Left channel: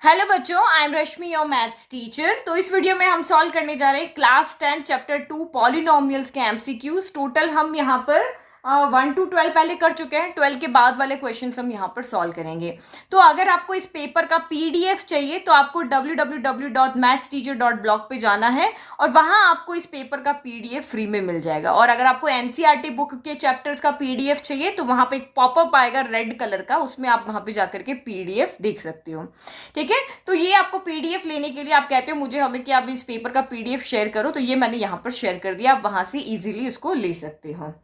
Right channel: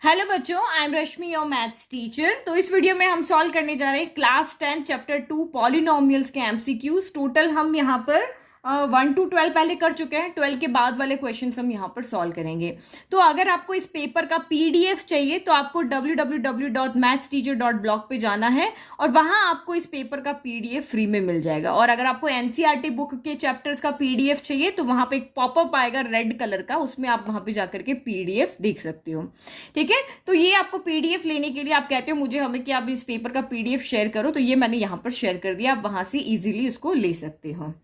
Hello बच्चों, I am Rashmi your maths teacher. तो इस वीडियो में हम सॉल्व करने जा रहे हैं क्लास 10 चैप्टर 2 पॉलिनोमियल्स के एमसीक्यूज। टोटल हम यहाँ पर 1 to 12 पहले कर चुके हैं। 12 के बाद वाले क्वेश्चंस हम यहाँ पर सॉल्व करेंगे। तो अगर आपको इस पेपर का पीडीएफ चाहिए तो आपको www.mathsteacher.blog पे जाना है और वहां आपको इस पेपर का पीडीएफ फ्री में मिल जाएगा। और अगर आपको एनसीईआरटी बुक के चैप्टर्स का पीडीएफ चाहिए तो वहां पे एक पॉपअप आएगा रेड कलर का, उसमें आप वहां पे जाकर के पीडीएफ देख सकते हो। ठीक है, तो ये आपको पीडीएफ लेने के लिए आप कहते हो मुझे हमें कि आप इस पेपर का पीडीएफ शेयर करो, तो ये मैंने यहाँ पर शेयर कर दिया, आप वहां से इजीली इसको ले सकते हो।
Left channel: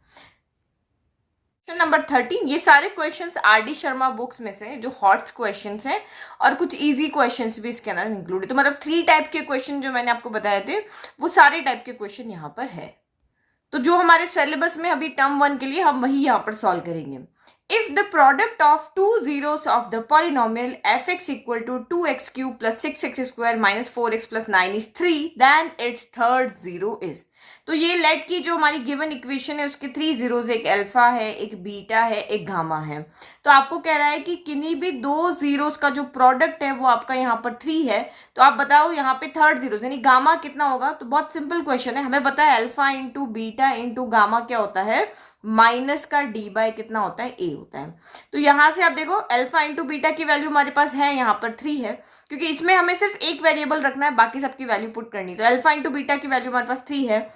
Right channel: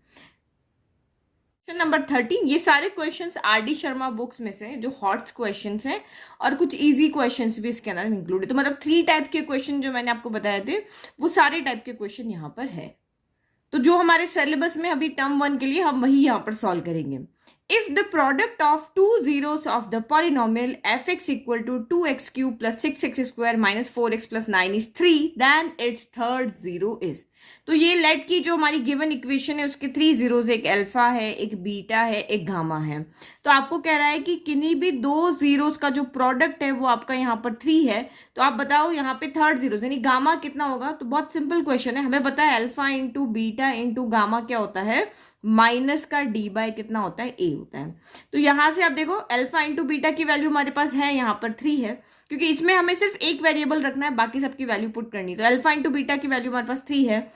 क्वेश्चन नंबर 13, ये सारे क्वेश्चंस आरडी शर्मा बुक्स में से जो हॉट्स क्वेश्चंस हैं और कुछ इजी क्वेश्चंस भी इसके अंदर इंक्लूड है। तो मतलब 3 टाइप के क्वेश्चन जो मैंने आपको बताए थे वो सारे टाइप के क्वेश्चन यहाँ पर है। तो जो हमारे सिलेबस में अभी टर्म 1 के लिए हम वही यहाँ पर सॉल्व करेंगे। If the product of two zeros of the polynomial fx equal to 2x cube plus 6x square minus 4x plus 9 is 3, then its third zero is। तो ये लेट की जो हमारी गिवन इक्वेशन है उसके 3 जीरोज, एक alpha है, एक बीटा है, एक गामा है। तो आपको कह रहा है कि किन्हीं भी दो जीरोज का जो प्रोडक्ट है वो आपका यहाँ पर 3 है। तो आप बताओ यहाँ पे थर्ड जीरोज यानी गामा कितना होगा। तो बहुत सिंपल क्वेश्चन है, हमें पता है alpha into beta into gamma क्या होता है, माइनस का डी बाय कितना होता है, ए होता है। तो यहां से आप देखो अल्फा इंटू बीटा की वैल्यू हमारे पास है यहाँ पर 3 है, क्योंकि इसमें हमें सिर्फ एक वेरिएबल रखना है, बाकी सबकी वैल्यू पुट करनी। तो अल्फा इंटू बीटा की वैल्यू हमारे पास 3 है।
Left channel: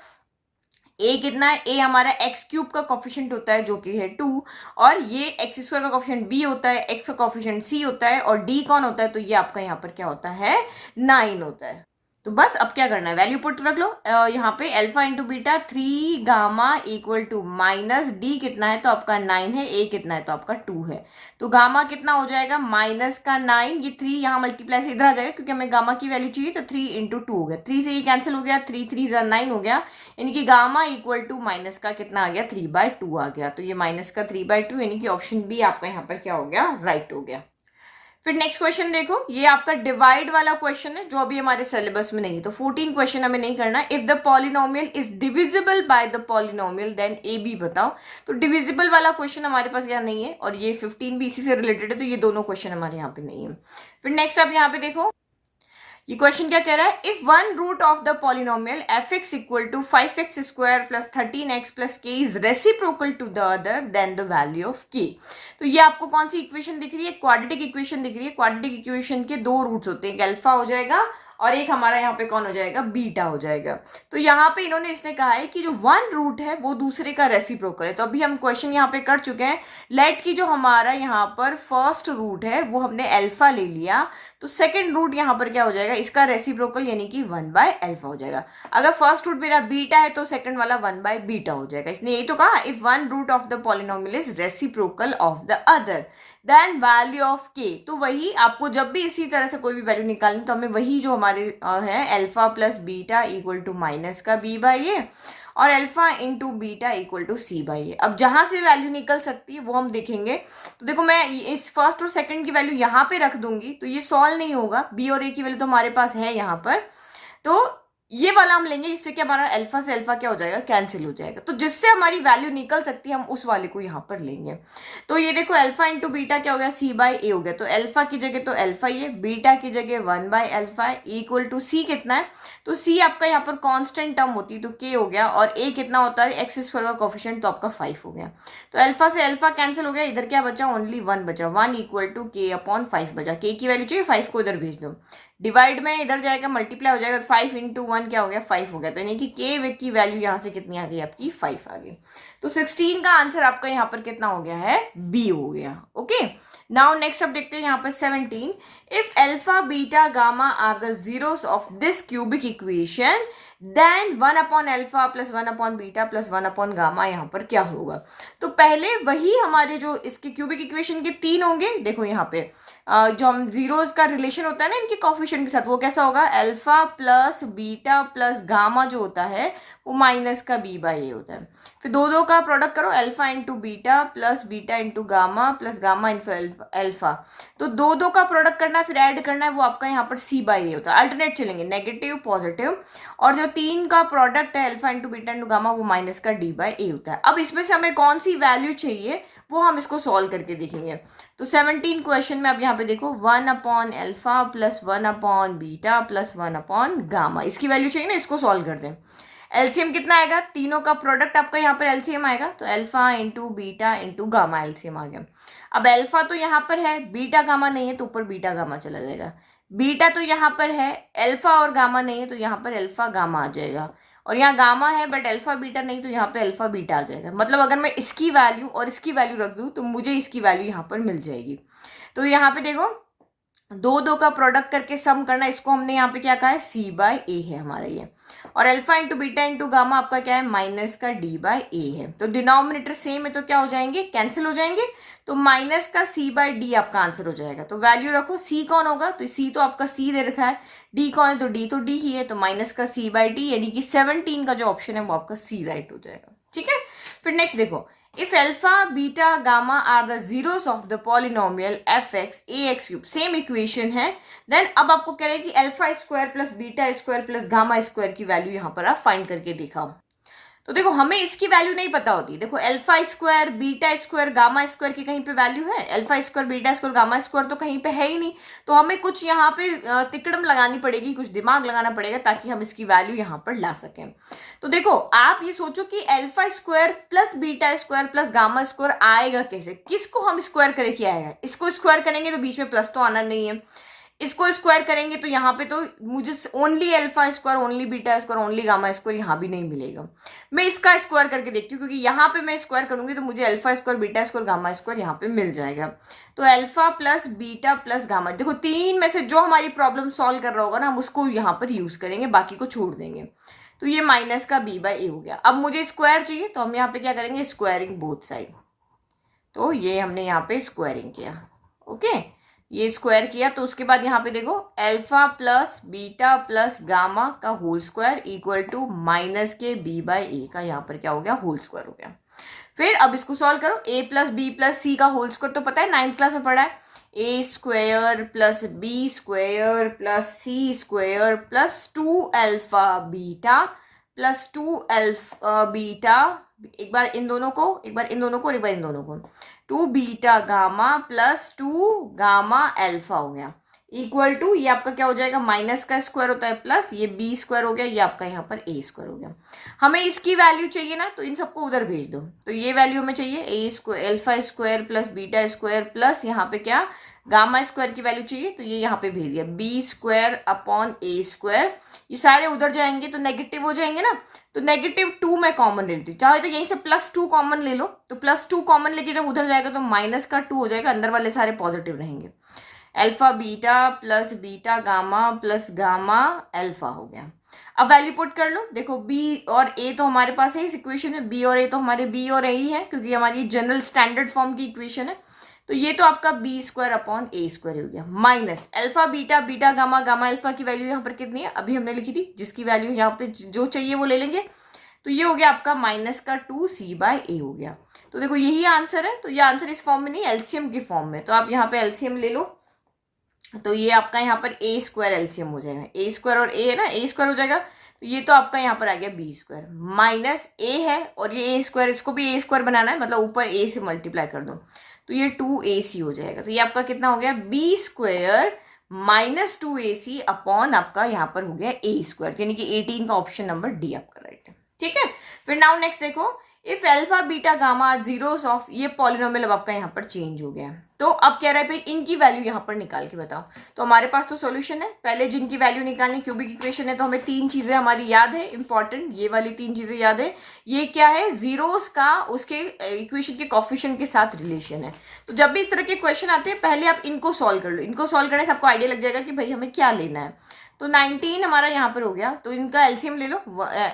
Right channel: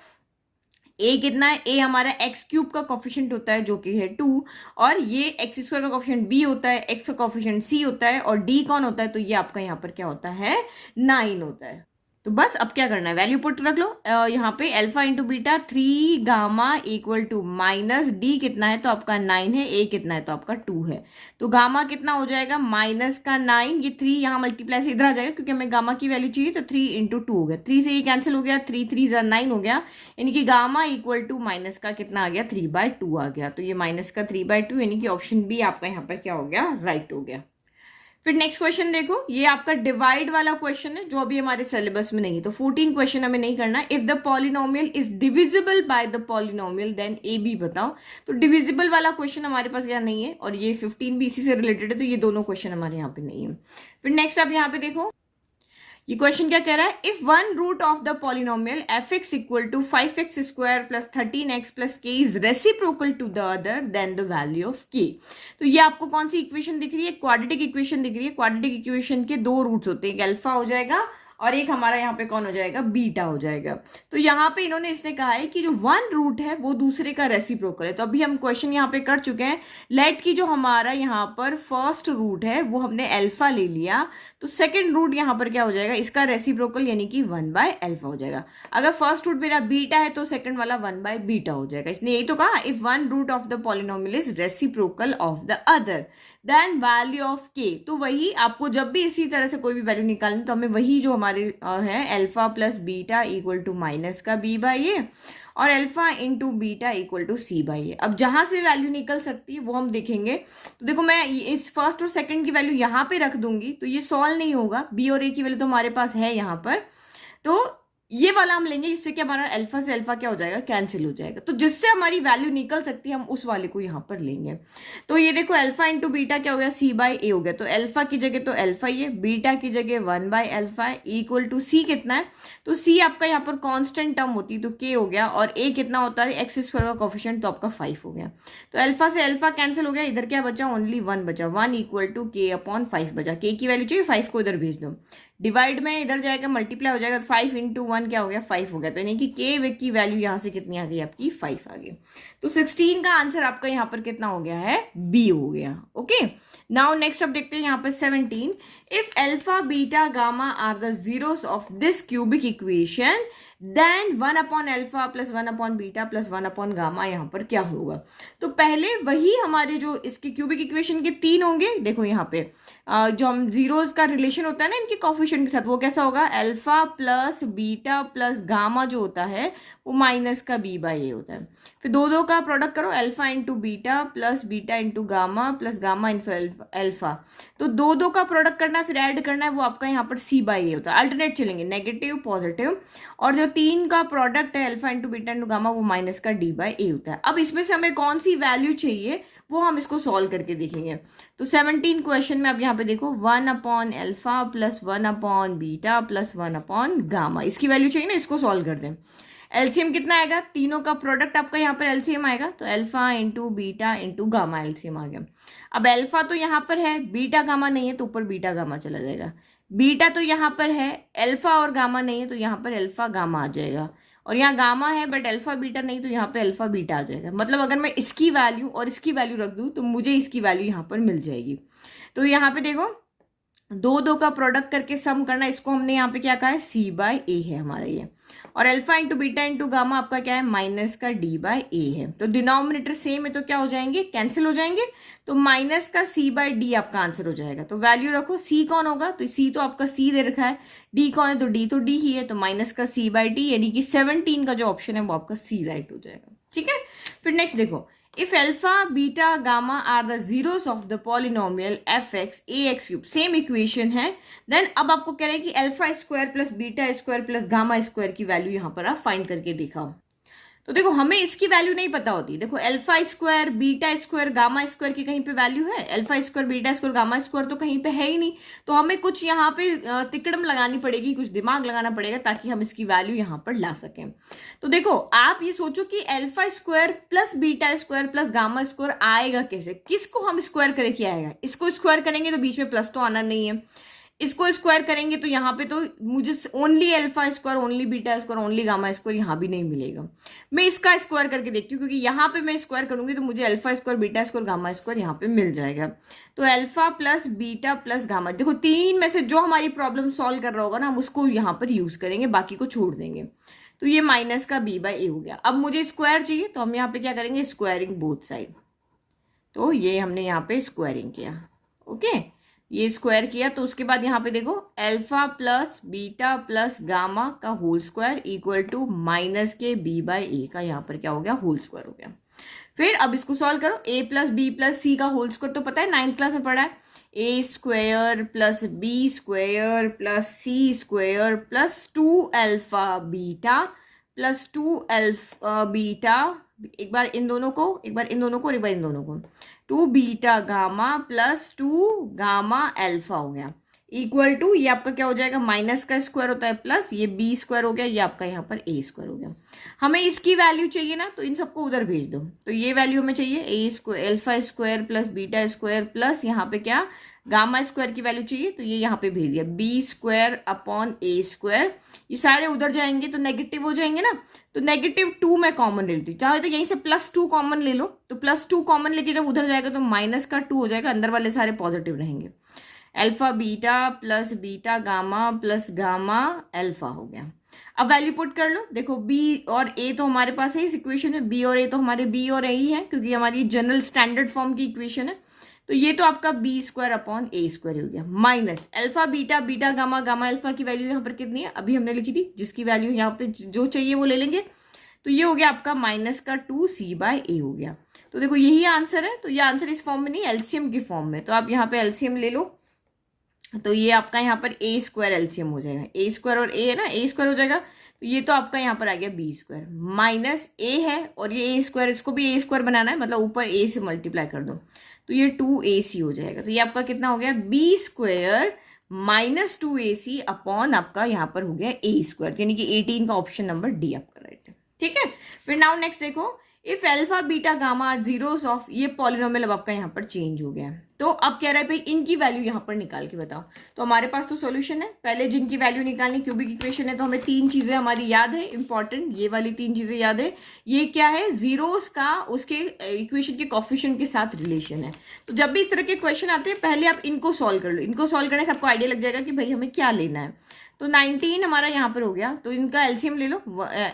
ए कितना है, ए हमारा एक्स क्यूब का कॉफिशिएंट होता है जो कि है 2, और ये एक्स स्क्वायर का कॉफिशिएंट बी होता है, एक्स का कॉफिशिएंट सी होता है, और डी कौन होता है, तो ये आपका यहाँ पर क्या होता है, 9 होता है। तो बस अब क्या करना है, वैल्यू पुट रख लो। यहाँ पे alpha into beta 3 gamma equal to minus D कितना है, तो आपका 9 है, ए कितना है, तो आपका 2 है। तो गामा कितना हो जाएगा, माइनस का 9, ये 3 यहाँ मल्टीप्लाई से इधर आ जाएगा क्योंकि हमें गामा की वैल्यू चाहिए। तो 3 इंटू 2 हो गया, 3 से ये कैंसिल हो गया, 3 3 9 हो गया, यानी कि गामा इक्वल टू माइनस का कितना आ गया, 3/2 आ गया। तो ये माइनस का 3/2 यानी कि ऑप्शन बी आपका यहाँ पर क्या हो गया, राइट हो गया। फिर नेक्स्ट क्वेश्चन देखो, ये आपका डिवाइड वाला क्वेश्चन है जो अभी हमारे सिलेबस में नहीं है। तो 14 क्वेश्चन हमें नहीं करना। If the polynomial is divisible by the polynomial then A B बताओ। तो डिविजिबल वाला क्वेश्चन हमारे पास यहाँ नहीं है, और ये 15 भी इसी से रिलेटेड है, तो ये दोनों क्वेश्चन हमारे यहाँ पे नहीं है। फिर नेक्स्ट आप यहाँ पे देखो, ये क्वेश्चन क्या कह रहा है, if one root of the polynomial F X equal to 5x square plus 13x plus K is reciprocal to the other then the value of K. तो ये आपको कौन सी इक्वेशन दिख रही है, क्वाड्रेटिक इक्वेशन दिख रही है। क्वाड्रेटिक इक्वेशन के दो रूट्स होते हैं, एक अल्फा हो जाएगा और एक हमारा यहाँ पे कौन हो जाएगा, बीटा हो जाएगा। तो यहाँ पे इन्होंने इसने कहा है कि जो वन रूट है वो दूसरे का रेसिप्रोकल है। तो अभी हम क्वेश्चन यहाँ पे कर चुके हैं, लेट की जो हमारा यहाँ पर फर्स्ट रूट है वो हमने अल्फा ले लिया, तो सेकंड रूट यहाँ पर क्या हो जाएगा, इसका रेसिप्रोकल यानी कि 1/अल्फा हो जाएगा। अगर फर्स्ट रूट मेरा बीटा है तो सेकंड वाला 1/बीटा हो जाएगा। इसने यही तो कहा, if one root of the polynomial is reciprocal of the other then value of K. तो वही आपको जब भी इसी तरह से कोई भी वैल्यू निकालनी तो हमें वही जो हमारे है alpha plus beta equal to minus का b/a और alpha into beta equal to c/a। अब जहां से वैल्यू निकल सकती है वो हम देखेंगे। तो देखो मैं इस फर्स्ट और सेकंड की वैल्यू यहाँ पे रख दूंगी तो ये सॉल्व नहीं होगा, b और a की वैल्यू तो हमारे पास है यहाँ पर। तो ये वाला हम लेंगे जिससे कि हमारा अल्फा से अल्फा क्या हो जाएगा, कैंसिल हो जाएगा। तो जिससे हमारी वैल्यू निकल सकती है हम उस वाले को यहाँ पर लेंगे। तो ये देखो अल्फा इंटू बीटा क्या हो गया, c/a हो गया। तो अल्फा की जगह तो अल्फा ही है, बीटा की जगह 1/अल्फा इक्वल टू c कितना है, तो c आपका यहाँ पर कांस्टेंट टर्म होती है तो k हो गया, और a कितना होता है, एक्स स्क्वायर का कोफिशिएंट तो आपका 5 हो गया। तो अल्फा से अल्फा कैंसिल हो गया, इधर क्या बचा, ओनली 1 बचा, 1 इक्वल टू k/5 बचा। k की वैल्यू चाहिए 5 को इधर भेज दो, डिवाइड में इधर जाएगा मल्टीप्लाई हो जाएगा, 5 इंटू 1 क्या हो गया, 5 हो गया। तो यानी कि के की वैल्यू यहाँ से कितनी आ गई आपकी, 5 आ गई। तो 16 का आंसर आपका यहाँ पर कितना हो गया है, बी हो गया। ओके, नाउ नेक्स्ट अब देखते हैं यहाँ पर 17, if alpha beta gamma are the zeros of this cubic equation then 1/अल्फा प्लस 1/बीटा प्लस 1/गामा यहाँ पर क्या होगा। तो पहले वही हमारे जो इसके क्यूबिक इक्वेशन के 3 होंगे, देखो यहाँ पे जो हम जीरोस का रिलेशन होता है ना इनके कॉफिशिएंट के साथ, वो कैसा होगा, alpha plus beta plus gamma जो होता है वो माइनस का b/a होता है। फिर दो दो का प्रोडक्ट करो, alpha into beta plus beta into gamma plus gamma into alpha. तो दो दो का प्रोडक्ट करना है फिर ऐड करना है, वो आपका यहाँ पर c/a होता है। अल्टरनेट चलेंगे, नेगेटिव पॉजिटिव, और जो तीन का प्रोडक्ट है alpha into beta into gamma, वो माइनस का डी बाई ए होता है। अब इसमें से हमें कौन सी वैल्यू चाहिए वो हम इसको सॉल्व करके देखेंगे। तो 17 क्वेश्चन में अब यहाँ पे देखो 1 upon alpha plus 1 upon beta plus 1 upon gamma, इसकी वैल्यू चाहिए ना, इसको सॉल्व कर दें। एलसीएम कितना आएगा, तीनों का प्रोडक्ट आपका यहाँ पर एलसीएम आएगा, तो alpha into beta into gamma LCM आ गया। अब अल्फा तो यहाँ पर है, बीटा गामा नहीं है, तो ऊपर बीटा गामा चला जाएगा। बीटा तो यहाँ पर है, अल्फा और गामा नहीं है, तो यहाँ पर अल्फा गामा आ जाएगा। और यहाँ गामा है बट अल्फा बीटा नहीं, तो यहाँ पे अल्फा बीटा आ जाएगा। मतलब अगर मैं इसकी वैल्यू और इसकी वैल्यू रख दूँ तो मुझे इसकी वैल्यू यहाँ पर मिल जाएगी। तो यहाँ पे देखो दो दो का प्रोडक्ट करके सम करना, इसको हमने यहाँ पे क्या कहा है, सी बाय ए है हमारा ये। और alpha into beta into gamma आपका क्या है, माइनस का डी बाय ए है। तो डिनोमिनेटर सेम है तो क्या हो जाएंगे, कैंसिल हो जाएंगे। तो माइनस का सी बाय डी आपका आंसर हो जाएगा। तो वैल्यू रखो, सी कौन होगा, तो सी तो आपका सी दे रखा है, डी कौन है, तो डी ही है, तो माइनस का सी बाय डी, यानी कि 17 का जो ऑप्शन है वो आपका सी राइट हो जाएगा। ठीक है, फिर नेक्स्ट देखो, if alpha, beta, gamma are the zeros of the polynomial fx ax cube, same equation है, देन अब आपको कह रहे हैं कि alpha square plus beta square plus gamma square की वैल्यू यहाँ पर आप फाइंड करके दिखाओ। तो देखो हमें इसकी वैल्यू नहीं पता होती। देखो alpha square beta square gamma square की कहीं पे वैल्यू है, alpha square beta square gamma square तो कहीं पे है ही नहीं। तो हमें कुछ यहाँ पे तिकड़म लगानी पड़ेगी, कुछ दिमाग लगाना पड़ेगा ताकि हम इसकी वैल्यू यहाँ पर ला सकें। तो देखो आप ये सोचो कि alpha square plus beta square plus gamma square आएगा कैसे, किसको हम स्क्वायर करें क्या आएगा, इसको स्क्वायर करेंगे तो बीच में प्लस तो आना नहीं है, इसको स्क्वायर करेंगे तो यहाँ पे तो मुझे only alpha square only beta square only gamma square यहाँ भी नहीं मिलेगा। मैं इसका स्क्वायर करके देखती हूँ, क्योंकि यहाँ पे मैं स्क्वायर करूंगी तो मुझे alpha square beta square gamma square यहाँ पे मिल जाएगा। तो alpha plus beta plus gamma, देखो तीन में से जो हमारी प्रॉब्लम सॉल्व कर रहा होगा ना हम उसको यहाँ पर यूज करेंगे, बाकी को छोड़ देंगे। तो ये माइनस का बी बाई ए हो गया। अब मुझे स्क्वायर चाहिए तो हम यहाँ पे क्या करेंगे, स्क्वायरिंग बोथ साइड। तो ये हमने यहाँ पे स्क्वायरिंग किया, ओके, ये स्क्वायर किया। तो उसके बाद यहाँ पे देखो alpha plus beta plus gamma का whole square equal to minus के बी बाई ए का यहाँ पर क्या हो गया, होल स्क्वायर हो गया। फिर अब इसको सॉल्व करो, ए प्लस बी प्लस सी का होल स्क्वायर तो पता है, 9th क्लास में पढ़ा है, A square plus B square plus C square plus 2 alpha beta plus 2 alpha beta, एक बार इन दोनों को, एक बार इन दोनों को और एक बार इन दोनों को, 2 beta gamma plus 2 gamma alpha हो गया इक्वल टू, ये आपका क्या हो जाएगा, माइनस का स्क्वायर होता है प्लस ये बी स्क्वायर हो गया, ये आपका यहाँ पर ए स्क्वायर हो गया। हमें इसकी वैल्यू चाहिए ना, तो इन सबको उधर भेज दो। तो ये वैल्यू हमें चाहिए A square alpha square plus beta square plus यहाँ पे क्या गामा स्क्वायर की वैल्यू चाहिए, तो ये यहाँ पे भेज दिया बी स्क्वायर अपॉन ए स्क्वायर। ये सारे उधर जाएंगे तो नेगेटिव हो जाएंगे ना, तो -2 मैं कॉमन ले लेती हूँ, चाहे तो यहीं से +2 कॉमन ले लो। तो +2 कॉमन लेके जब उधर जाएगा तो माइनस का 2 हो जाएगा, अंदर वाले सारे पॉजिटिव रहेंगे। Alpha beta plus beta gamma plus gamma alpha हो गया। अब वैल्यू पुट कर लो, देखो बी और ए तो हमारे पास है इस इक्वेशन में, बी और ए तो हमारे बी और ए ही है क्योंकि हमारी जनरल स्टैंडर्ड फॉर्म की इक्वेशन है। तो ये तो आपका बी स्क्वायर अपॉन ए स्क्वायर हो गया, minus alpha beta beta gamma gamma alpha की वैल्यू यहाँ पर कितनी है, अभी हमने लिखी थी, जिसकी वैल्यू यहाँ पे जो चाहिए वो ले लेंगे। तो ये हो गया आपका माइनस का 2 सी बाय ए हो गया। तो देखो यही आंसर है। तो ये आंसर इस फॉर्म में नहीं, एलसीएम की फॉर्म में। तो आप यहाँ पे एलसीएम ले लो, तो ये आपका यहाँ पर ए स्क्वायर एलसीएम हो जाएगा, ए स्क्वायर और ए है ना, ए स्क्वायर हो जाएगा। तो ये तो आपका यहाँ पर आ गया बी स्क्वायर माइनस ए है और ये ए स्क्वायर, इसको भी ए स्क्वायर बनाना है, मतलब ऊपर ए से मल्टीप्लाई कर दो, तो ये 2ac हो जाएगा। तो ये आपका कितना हो गया, B square minus 2ac upon आपका यहाँ पर हो गया ए स्क्वायर, यानी कि 18 का ऑप्शन नंबर डी आपका राइट है। ठीक है, फिर नाउ नेक्स्ट देखो, if alpha beta gamma are zeros of, ये पॉलिनोमियल अब आपका यहाँ पर चेंज हो गया। तो अब कह रहा है भाई इनकी वैल्यू यहाँ पर निकाल के बताओ। तो हमारे पास तो सॉल्यूशन है, पहले जिनकी वैल्यू निकालनी, क्यूबिक इक्वेशन है तो हमें 3 चीजें हमारी याद है इंपॉर्टेंट, ये वाली 3 चीजें याद है। ये क्या है, जीरोस का उसके इक्वेशन के कोफिशिएंट के साथ रिलेशन है। तो जब भी इस तरह के क्वेश्चन आते हैं पहले आप इनको सॉल्व कर लो, इनको सॉल्व करने से आपको आइडिया लग जाएगा कि भाई हमें क्या लेना है। तो 19 हमारा यहाँ पर हो गया, तो इनका एलसीएम ले लो,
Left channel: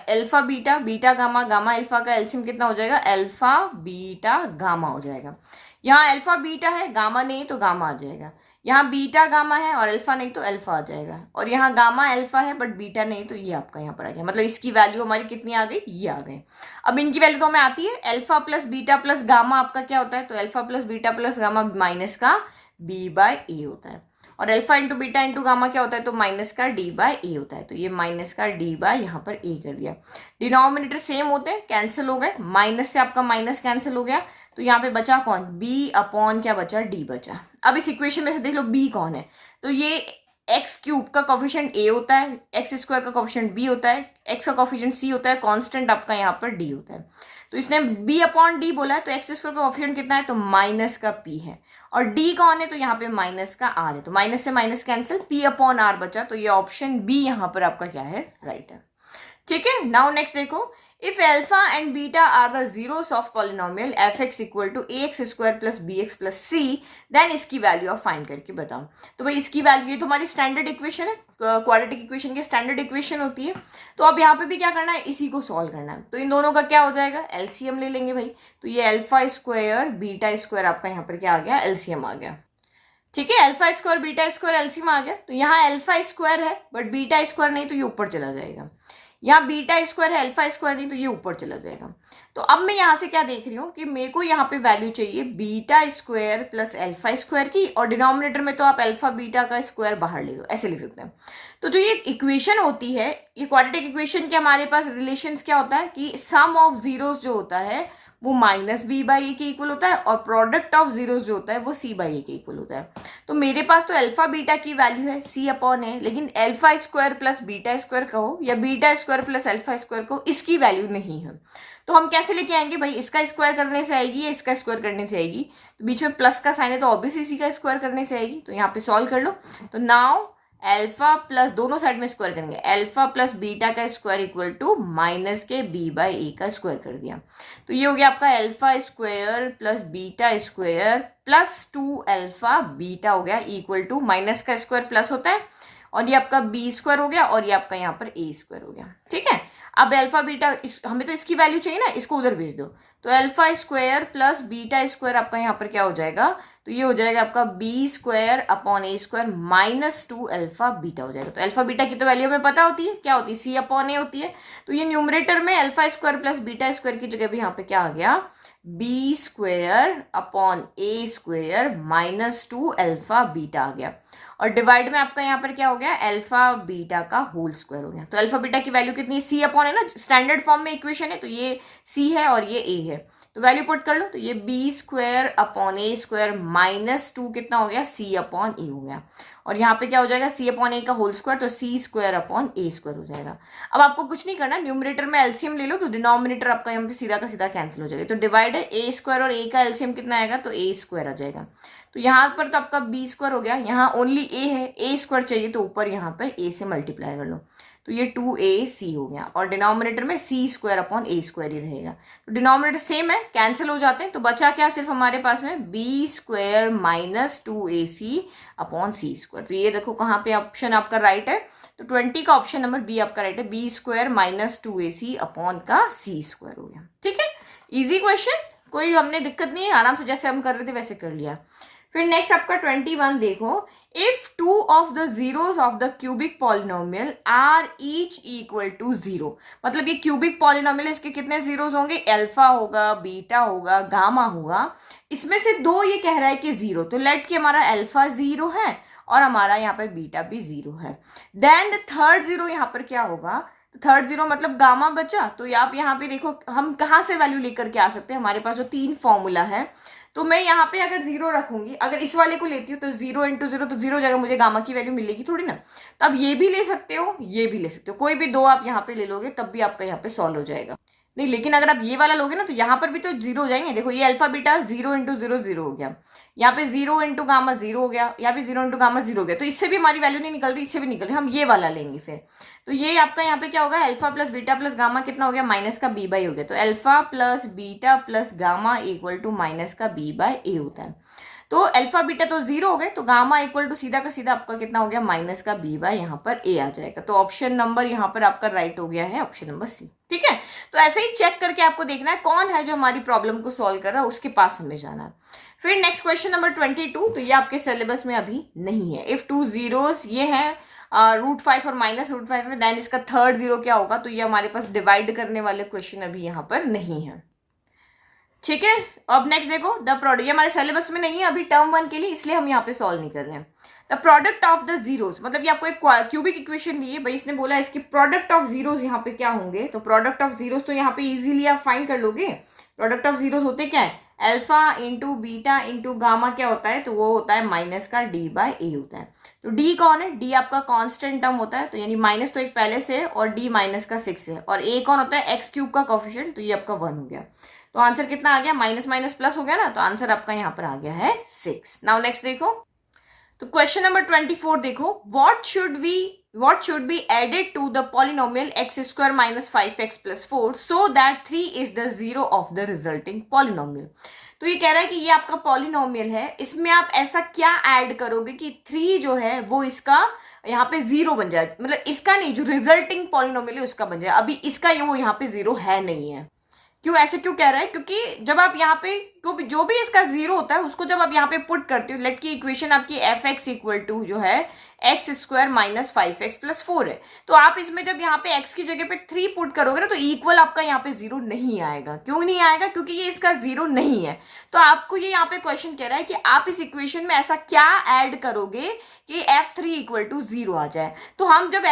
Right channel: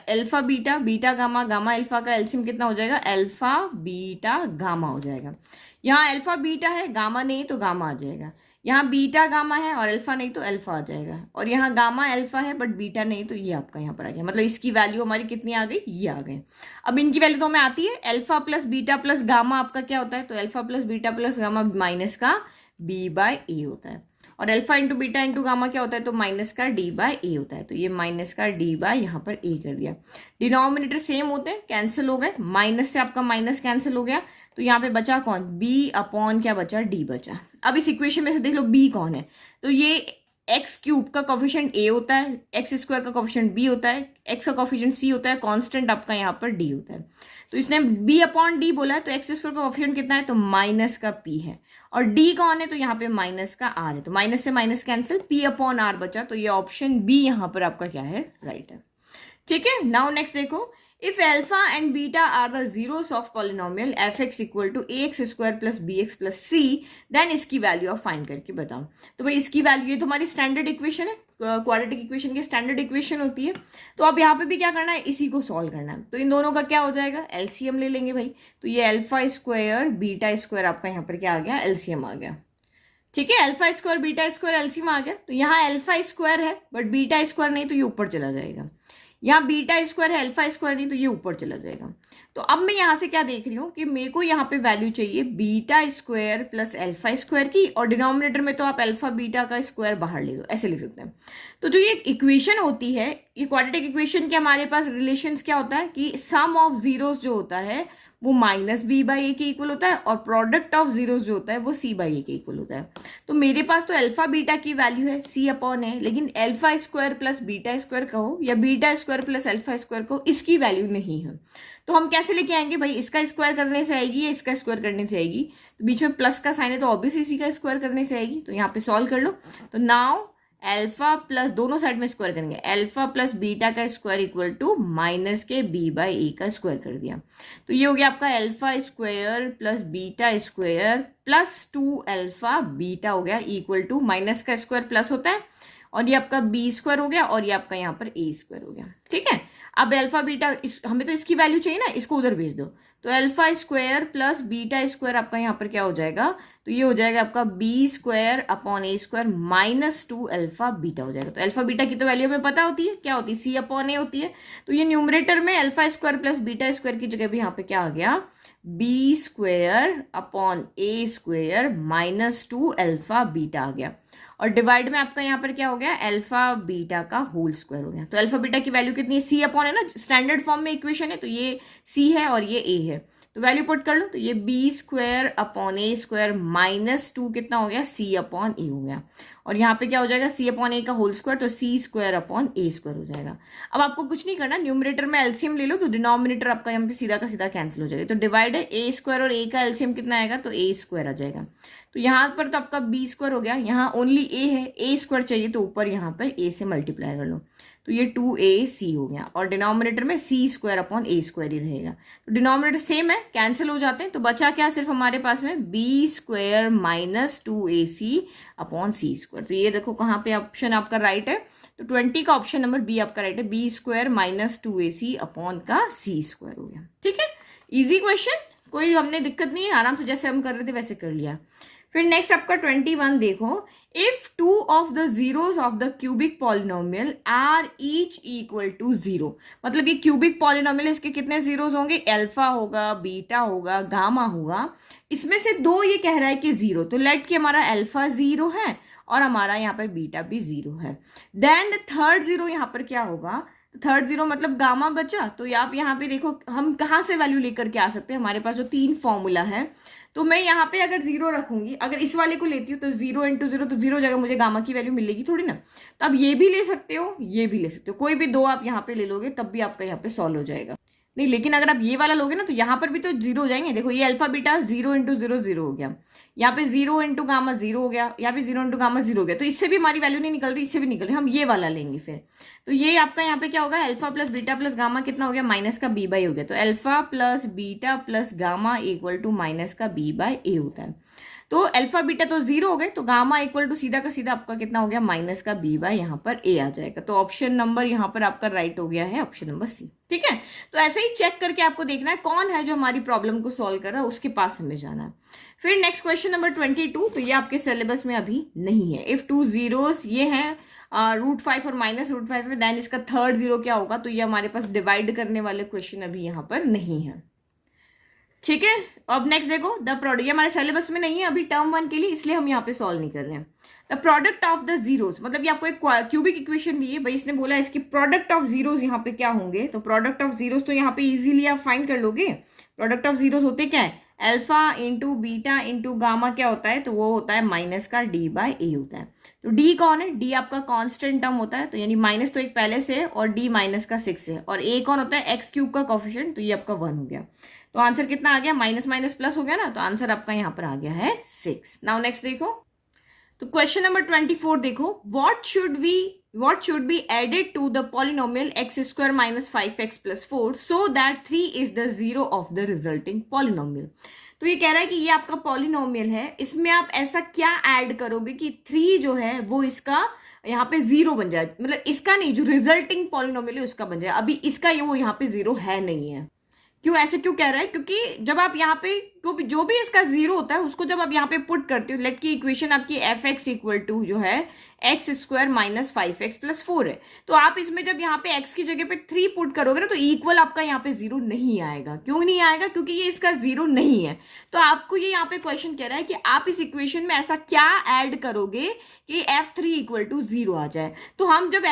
alpha beta beta gamma gamma alpha का एलसीएम कितना हो जाएगा, अल्फा बीटा गामा हो जाएगा। यहाँ अल्फा बीटा है, गामा नहीं तो गामा आ जाएगा। यहाँ बीटा गामा है और अल्फा नहीं तो अल्फा आ जाएगा। और यहाँ गामा अल्फा है बट बीटा नहीं, तो ये आपका यहाँ पर आ गया। मतलब इसकी वैल्यू हमारी कितनी आ गई, ये आ गई। अब इनकी वैल्यू तो हमें आती है, alpha plus beta plus gamma आपका क्या होता है, तो alpha plus beta plus gamma minus का बी बाय ए होता है। और alpha into beta into gamma क्या होता है, तो माइनस का डी बाय ए होता है, तो ये माइनस का डी बाय यहाँ पर ए कर दिया। डिनोमिनेटर सेम होते हैं, कैंसिल हो गए, माइनस से आपका माइनस कैंसिल हो गया, तो यहाँ पे बचा कौन, बी अपॉन क्या बचा, डी बचा। अब इस इक्वेशन में से देख लो बी कौन है, तो ये एक्स क्यूब का कोफिशिएंट ए होता है, एक्स स्क्वायर का कोफिशिएंट बी होता है, एक्स का कोफिशिएंट सी होता है, कांस्टेंट आपका यहाँ पर डी होता है। तो इसने बी अपॉन डी बोला है, तो एक्स स्क्वायर का कोफिशिएंट कितना है, तो माइनस का पी है, और डी कौन है, तो यहाँ पे माइनस का आर है, तो माइनस से minus cancel, P upon R बचा, तो ये ऑप्शन बी यहाँ पर आपका क्या है, राइट है। ठीक है, नाउ नेक्स्ट देखो, if alpha and beta are the zeros of polynomial fx equal to ax square plus bx plus c, then इसकी वैल्यू आप फाइंड करके बताओ। तो भाई इसकी वैल्यू, ये तो हमारी स्टैंडर्ड इक्वेशन है, क्वाड्रेटिक इक्वेशन की स्टैंडर्ड इक्वेशन होती है। तो अब यहाँ पे भी क्या करना है, इसी को सॉल्व करना है। तो इन दोनों का क्या हो जाएगा, एलसीएम ले लेंगे भाई। तो ये अल्फा स्क्वायर बीटा स्क्वायर आपका यहाँ पर क्या आ गया, एलसीएम आ गया। ठीक है, alpha square beta square LCM आ गया। तो यहाँ अल्फा स्क्वायर है बट बीटा स्क्वायर नहीं, तो ये ऊपर चला जाएगा। यहाँ बीटा स्क्वायर है, अल्फा स्क्वायर नहीं, तो ये ऊपर चला जाएगा। तो अब मैं यहाँ से क्या देख रही हूँ कि मेरे को यहाँ पे वैल्यू चाहिए beta square plus alpha square की, और डिनोमिनेटर में तो आप अल्फा बीटा का स्क्वायर बाहर ले लो, ऐसे लिख सकते हैं। तो जो ये इक्वेशन होती है, ये क्वाड्रेटिक इक्वेशन के हमारे पास रिलेशंस क्या होता है कि सम ऑफ जीरोस जो होता है वो माइनस बी बाई ए के इक्वल होता है, और प्रोडक्ट ऑफ जीरोस जो होता है वो सी बाई ए के इक्वल होता है। तो मेरे पास तो अल्फा बीटा की वैल्यू है सी अपॉन है, लेकिन alpha square plus beta square कहो या beta square plus alpha square कहो, इसकी वैल्यू नहीं है। तो हम कैसे लेके आएंगे भाई, इसका स्क्वायर करने से आएगी या इसका स्क्वायर करने से आएगी, तो बीच में प्लस का साइन है तो ऑब्वियसली इसी का स्क्वायर करने से आएगी। तो यहाँ पे सॉल्व कर लो। तो नाउ अल्फा प्लस, दोनों साइड में स्क्वायर करेंगे, अल्फा प्लस बीटा का स्क्वायर इक्वल टू माइनस के बी बाई ए का स्क्वायर कर दिया। तो ये हो गया आपका alpha square plus beta square plus 2 alpha beta हो गया इक्वल टू माइनस का स्क्वायर प्लस होता है, और ये आपका बी स्क्वायर हो गया, और ये आपका यहाँ पर ए स्क्वायर हो गया। ठीक है, अब अल्फा बीटा हमें तो इसकी वैल्यू चाहिए ना, इसको उधर भेज दो। तो alpha square plus beta square आपका यहाँ पर क्या हो जाएगा, तो ये हो जाएगा आपका बी स्क्वायर अपॉन ए स्क्वायर माइनस 2 अल्फा बीटा हो जाएगा। तो अल्फा बीटा की तो वैल्यू हमें पता होती है, क्या होती है, सी अपॉन ए होती है। तो ये न्यूमरेटर में alpha square plus beta square की जगह भी यहाँ पे क्या आ गया, बी स्क्वायर अपॉन ए स्क्वायर माइनस 2 अल्फा बीटा आ गया, और डिवाइड में आपका यहाँ पर क्या हो गया, अल्फा बीटा का होल स्क्वायर हो गया। तो अल्फा बीटा की वैल्यू कितनी है, सी अपॉन है ना, स्टैंडर्ड फॉर्म में इक्वेशन है, तो ये सी है और ये ए है, तो वैल्यू पुट कर लो। तो ये बी स्क्वायर अपॉन ए स्क्वायर माइनस 2 कितना हो गया, सी अपॉन ए हो गया, और यहाँ पे क्या हो जाएगा, सी अपॉन ए का होल स्क्वायर, तो सी स्क्वायर अपॉन ए स्क्वायर हो जाएगा। अब आपको कुछ नहीं करना, न्यूमरेटर में एलसीएम ले लो, तो डिनोमिनेटर आपका यहाँ पे सीधा का सीधा कैंसिल हो जाएगा। तो डिवाइड है ए स्क्वायर और ए का एलसीएम कितना आएगा, तो ए स्क्वायर आ जाएगा। तो यहाँ पर तो आपका बी स्क्वायर हो गया, यहाँ ओनली ए है, ए स्क्वायर चाहिए, तो ऊपर यहाँ पर ए से मल्टीप्लाई कर लो, तो ये 2ac हो गया, और डिनोमिनेटर में सी स्क्वायर अपॉन ए स्क्वायर ही रहेगा। तो डिनोमिनेटर सेम है, कैंसिल हो जाते हैं, तो बचा क्या सिर्फ हमारे पास में B square minus 2ac upon C square. तो ये देखो कहाँ पे ऑप्शन आपका राइट है, तो 20 का ऑप्शन नंबर बी आपका राइट है, B square minus 2ac upon का सी स्क्वायर हो गया। ठीक है, इजी क्वेश्चन, कोई हमने दिक्कत नहीं है, आराम से जैसे हम कर रहे थे वैसे कर लिया। फिर नेक्स्ट आपका 21 देखो, if 2 of the zeros of the cubic polynomial are each equal to 0, मतलब ये क्यूबिक पॉलिनोमियल, इसके कितने जीरोस होंगे, अल्फा होगा, बीटा होगा, गामा होगा, इसमें से 2 ये कह रहा है कि 0, तो लेट कि हमारा अल्फा 0 है और हमारा यहाँ पर बीटा भी 0 है। देन थर्ड 0 यहाँ पर क्या होगा, तो थर्ड 0 मतलब गामा बचा। तो आप यहाँ पे देखो हम कहाँ से वैल्यू लेकर के आ सकते हैं, हमारे पास जो 3 फॉर्मूला है, तो मैं यहाँ पे अगर 0 रखूंगी, अगर इस वाले को लेती हूँ तो 0 इंटू 0, तो 0 जगह मुझे गामा की वैल्यू मिलेगी थोड़ी ना। तो आप ये भी ले सकते हो, ये भी ले सकते हो, कोई भी 2 आप यहाँ पे ले लोगे तब भी आपका यहाँ पे सॉल्व हो जाएगा। नहीं, लेकिन अगर आप ये वाला लोगे ना तो यहाँ पर भी तो 0 हो जाएंगे। देखो ये अल्फा बीटा 0 इंटू 0 0 हो गया, यहाँ पे 0 इंटू गामा 0 हो गया, यहाँ पे 0 इंटू गामा 0 हो गया, तो इससे भी हमारी वैल्यू नहीं निकल रही, इससे भी निकल रही, हम ये वाला लेंगे फिर। तो ये आपका यहाँ पे क्या होगा, alpha plus beta plus gamma कितना हो गया, माइनस का बी बाई हो गया। तो alpha plus beta plus gamma equal to minus का बी बाई ए होता है। तो अल्फा बीटा तो 0 हो गए, तो गामा इक्वल टू सीधा का सीधा आपका कितना हो गया, माइनस का बी बाई यहाँ पर ए आ जाएगा। तो ऑप्शन नंबर यहाँ पर आपका राइट हो गया है, ऑप्शन नंबर सी। ठीक है, तो ऐसे ही चेक करके आपको देखना है कौन है जो हमारी प्रॉब्लम को सॉल्व कर रहा है, उसके पास हमें जाना है। फिर नेक्स्ट क्वेश्चन नंबर 22, तो ये आपके सिलेबस में अभी नहीं है। इफ 2 जीरोस ये है √5 और माइनस √5 है, देन इसका थर्ड 0 क्या होगा, तो ये हमारे पास डिवाइड करने वाले क्वेश्चन अभी यहाँ पर नहीं है। ठीक है, अब नेक्स्ट देखो द प्रोडक्ट, ये हमारे सिलेबस में नहीं है अभी टर्म 1 के लिए, इसलिए हम यहाँ पे सॉल्व नहीं कर रहे हैं। The product of the zeros, मतलब ये आपको एक क्यूबिक इक्वेशन दी है भाई, इसने बोला इसकी प्रोडक्ट ऑफ जीरोस यहाँ पे क्या होंगे, तो प्रोडक्ट ऑफ जीरोस तो यहाँ पे इजीली आप फाइंड कर लोगे। प्रोडक्ट ऑफ जीरोस होते क्या है, alpha into beta into gamma क्या होता है, तो वो होता है माइनस का डी बाय ए होता है। तो डी कौन है, डी आपका कांस्टेंट टर्म होता है, तो यानी माइनस तो एक पहले से और डी माइनस का 6 है, और ए कौन होता है, एक्स क्यूब का कोफिशिएंट, तो ये आपका 1 हो गया। तो आंसर कितना आ गया, माइनस माइनस प्लस हो गया ना, तो आंसर आपका यहाँ पर आ गया है 6। नाउ नेक्स्ट देखो, तो क्वेश्चन नंबर 24 देखो, what should be added to the polynomial x square minus 5x plus 4 so that 3 is the zero of the resulting polynomial। तो ये कह रहा है कि ये आपका पॉलिनोमियल है, इसमें आप ऐसा क्या ऐड करोगे कि 3 जो है वो इसका यहाँ पे 0 बन जाए, मतलब इसका नहीं, जो रिजल्टिंग पॉलिनोमियल है उसका बन जाए। अभी इसका ये वो यहाँ पे 0 है नहीं है। क्यों, ऐसे क्यों कह रहा है, क्योंकि जब आप यहाँ पे जो भी इसका 0 होता है उसको जब आप यहाँ पे पुट करते हो, लेट की इक्वेशन आपकी एफ एक्स इक्वल टू जो है x square minus 5x plus 4 है, तो आप इसमें जब यहाँ पे x की जगह पे 3 पुट करोगे ना, तो इक्वल आपका यहाँ पे 0 नहीं आएगा। क्यों नहीं आएगा, क्योंकि ये इसका 0 नहीं है। तो आपको ये यहाँ पे क्वेश्चन कह रहा है कि आप इस इक्वेशन में ऐसा क्या ऐड करोगे कि f3 इक्वल टू 0 आ जाए। तो हम जब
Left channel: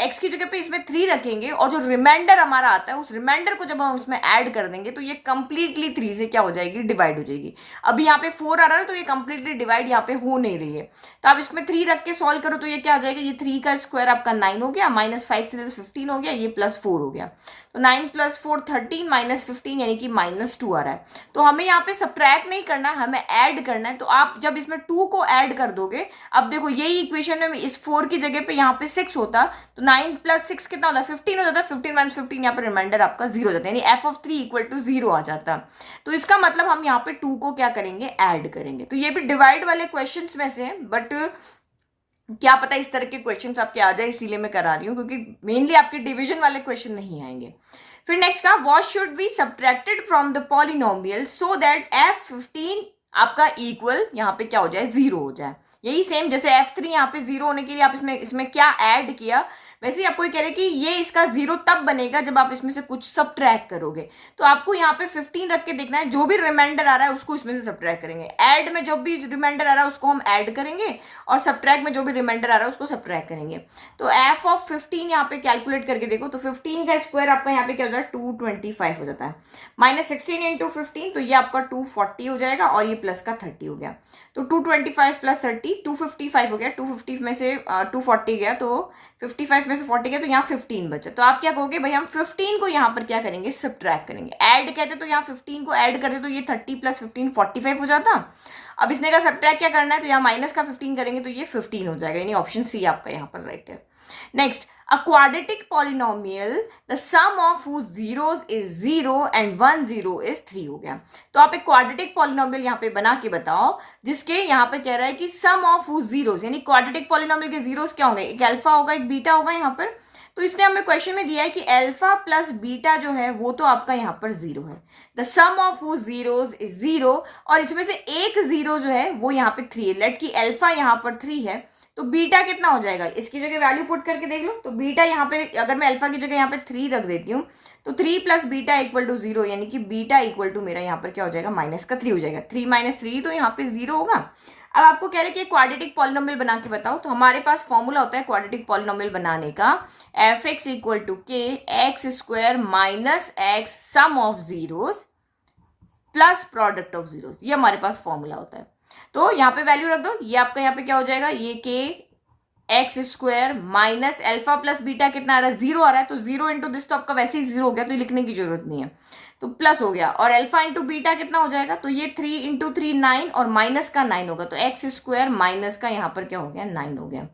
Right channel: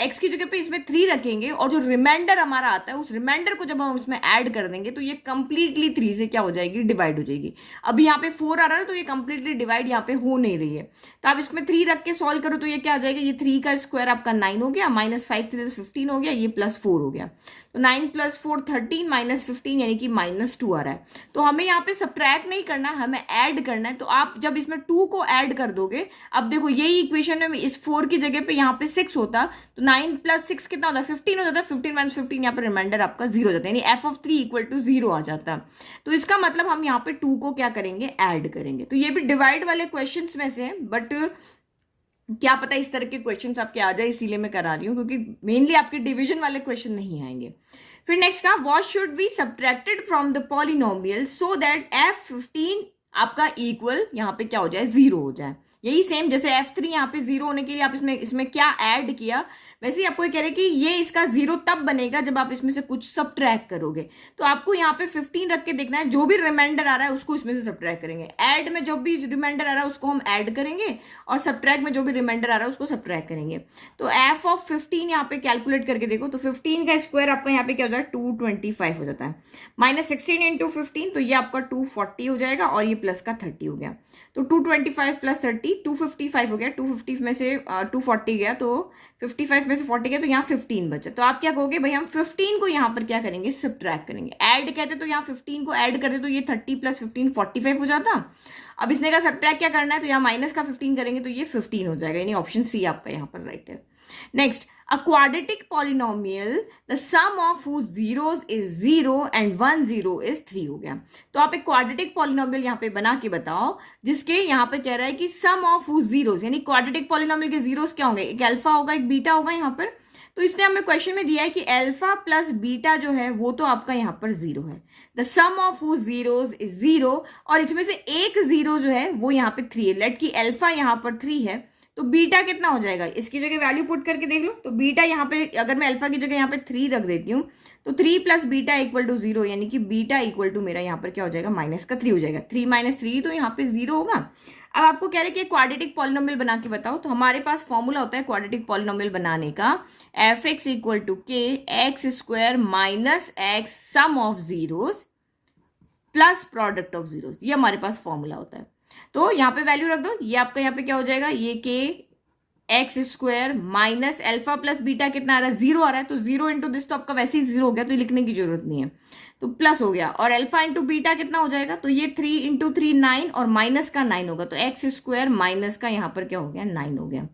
x की जगह पे इसमें 3 रखेंगे और जो रिमाइंडर हमारा आता है उस रिमाइंडर को जब हम इसमें ऐड कर देंगे तो ये कंप्लीटली 3 से क्या हो जाएगी, डिवाइड हो जाएगी। अभी यहाँ पे 4 आ रहा है तो ये कंप्लीटली डिवाइड यहाँ पे हो नहीं रही है। तो आप इसमें 3 रख के सॉल्व करो तो ये क्या आ जाएगा, ये 3 का स्क्वायर आपका 9 हो गया, माइनस 5 3 15 हो गया, ये प्लस 4 हो गया। तो 9 प्लस 4 13 माइनस 15 यानी कि माइनस 2 आ रहा है। तो हमें यहाँ पे सब्ट्रैक्ट नहीं करना, हमें ऐड करना है। तो आप जब इसमें 2 को ऐड कर दोगे, अब देखो यही इक्वेशन में इस 4 की जगह पे यहाँ पे 6 होता, तो 9 प्लस 6 कितना होता है, 15 हो जाता है। 15 माइनस 15 यहाँ पे रिमाइंडर आपका 0 हो जाता है, यानी एफ ऑफ 3 इक्वल टू 0 आ जाता। तो इसका मतलब हम यहाँ पे 2 को क्या करेंगे, ऐड करेंगे। तो ये भी डिवाइड वाले क्वेश्चंस में से है, बट क्या पता इस तरह के क्वेश्चंस आपके आ जाए, इसीलिए मैं करा रही हूँ, क्योंकि मेनली आपके डिवीजन वाले क्वेश्चन नहीं आएंगे। फिर नेक्स्ट का, what should be subtracted from the polynomial so that f15 आपका इक्वल यहाँ पे क्या हो जाए, 0 हो जाए। यही सेम जैसे f3 यहाँ पे 0 होने के लिए आप इसमें क्या ऐड किया, वैसे ही आपको ये कह रहे हैं कि ये इसका 0 तब बनेगा जब आप इसमें से कुछ सब्ट्रैक्ट करोगे। तो आपको यहाँ पे 15 रख के देखना है, जो भी रिमाइंडर आ रहा है उसको इसमें से सब्ट्रैक्ट करेंगे। ऐड में जो भी रिमाइंडर आ रहा है उसको हम ऐड करेंगे, और सब्ट्रैक्ट में जो भी रिमाइंडर आ रहा है उसको सब्ट्रैक्ट करेंगे। तो एफ ऑफ 15 यहाँ पे कैलकुलेट करके देखो, तो 15 का स्क्वायर आपका यहाँ पे क्या हो जाता है, 225 हो जाता है, माइनस 16 इंटू 15, तो ये आपका 240 हो जाएगा, और ये प्लस का 30 हो गया। तो 225 प्लस 30 255 हो गया, 250 में से 240 गया, तो 55 में से 40 गया, तो यहाँ 15 बचा। तो आप क्या कहोगे, भाई हम 15 को यहाँ पर क्या करेंगे, सब्ट्रैक्ट करेंगे। ऐड कहते तो यहाँ 15 को ऐड करते तो ये 30 प्लस 15 45 हो जाता। अब इसने का सब्ट्रैक्ट क्या करना है, तो यहाँ माइनस का 15 करेंगे तो ये 15 हो जाएगा, यानी ऑप्शन सी आपका यहाँ पर राइट है। Next, a quadratic polynomial the sum of whose zeros is 0 and 1 0 is 3 हो गया। तो आप एक क्वाड्रेटिक पॉलिनोमियल यहाँ पे बना के बताओ जिसके यहाँ पे कह रहा है कि सम ऑफ whose zeros, यानी क्वाड्रेटिक पॉलिनोमियल के जीरोस क्या होंगे, एक अल्फा होगा एक बीटा होगा यहाँ पर। तो इसने हमें क्वेश्चन में दिया है कि अल्फा प्लस बीटा जो है वो तो आपका यहाँ पर 0 है, the sum of whose zeros is 0, और इसमें से एक 0 जो है वो यहाँ पे 3 है। लेट की अल्फा यहाँ पर 3 है, तो बीटा कितना हो जाएगा, इसकी जगह वैल्यू पुट करके देख लो। तो बीटा यहाँ पे अगर मैं अल्फा की जगह यहाँ पे 3 रख देती हूँ, तो 3 प्लस बीटा इक्वल टू 0, यानी कि बीटा इक्वल टू मेरा यहाँ पर क्या हो जाएगा, माइनस का 3 हो जाएगा। 3 माइनस 3 तो यहाँ पे 0 होगा। अब आपको कह रहे हैं कि क्वाड्रेटिक पॉलिनोमियल बना के बताओ, तो हमारे पास फॉर्मूला होता है क्वाड्रेटिक पॉलिनोमियल बनाने का, F X equal to K X square minus X sum of zeros plus product of zeros, ये हमारे पास फॉर्मूला होता है। तो यहाँ पे वैल्यू रख दो, ये आपका यहाँ पे क्या हो जाएगा, ये के X square minus alpha plus beta कितना आ रहा है, 0 आ रहा है, तो 0 इंटू दिस तो आपका वैसे ही 0 हो गया, तो ये लिखने की जरूरत नहीं है, तो प्लस हो गया। और अल्फा इंटू बीटा कितना हो जाएगा, तो ये 3 इंटू 3 9, और माइनस का 9 होगा, तो एक्स स्क्वायर माइनस का यहाँ पर क्या हो गया, 9 हो गया।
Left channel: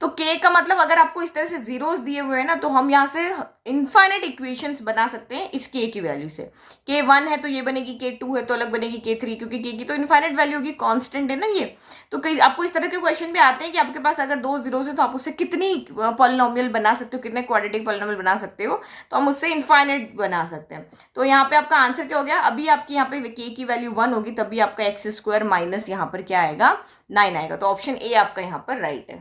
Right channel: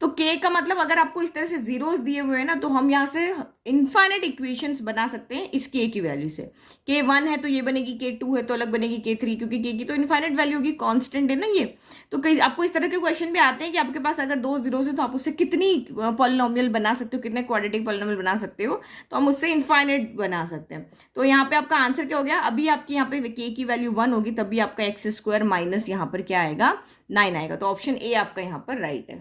तो के का मतलब अगर आपको इस तरह से जीरोस दिए हुए हैं ना, तो हम यहाँ से इनफाइनाइट इक्वेशंस बना सकते हैं इस के की वैल्यू से। के 1 है तो ये बनेगी, के 2 है तो अलग बनेगी, के 3, क्योंकि के की तो इनफाइनाइट वैल्यू होगी, कांस्टेंट है ना ये। तो कई आपको इस तरह के क्वेश्चन भी आते हैं कि आपके पास अगर 2 जीरोस है तो आप उससे कितनी पॉलिनोमियल बना सकते हो, कितने क्वाड्रेटिक पॉलिनोमियल बना सकते हो, तो हम उससे इनफाइनाइट बना सकते हैं। तो यहाँ पे आपका आंसर क्या हो गया, अभी आपकी यहाँ पे के की वैल्यू 1 होगी, तभी आपका एक्स स्क्वायर माइनस यहाँ पर क्या आएगा, 9 आएगा। तो ऑप्शन ए आपका यहाँ पर राइट है।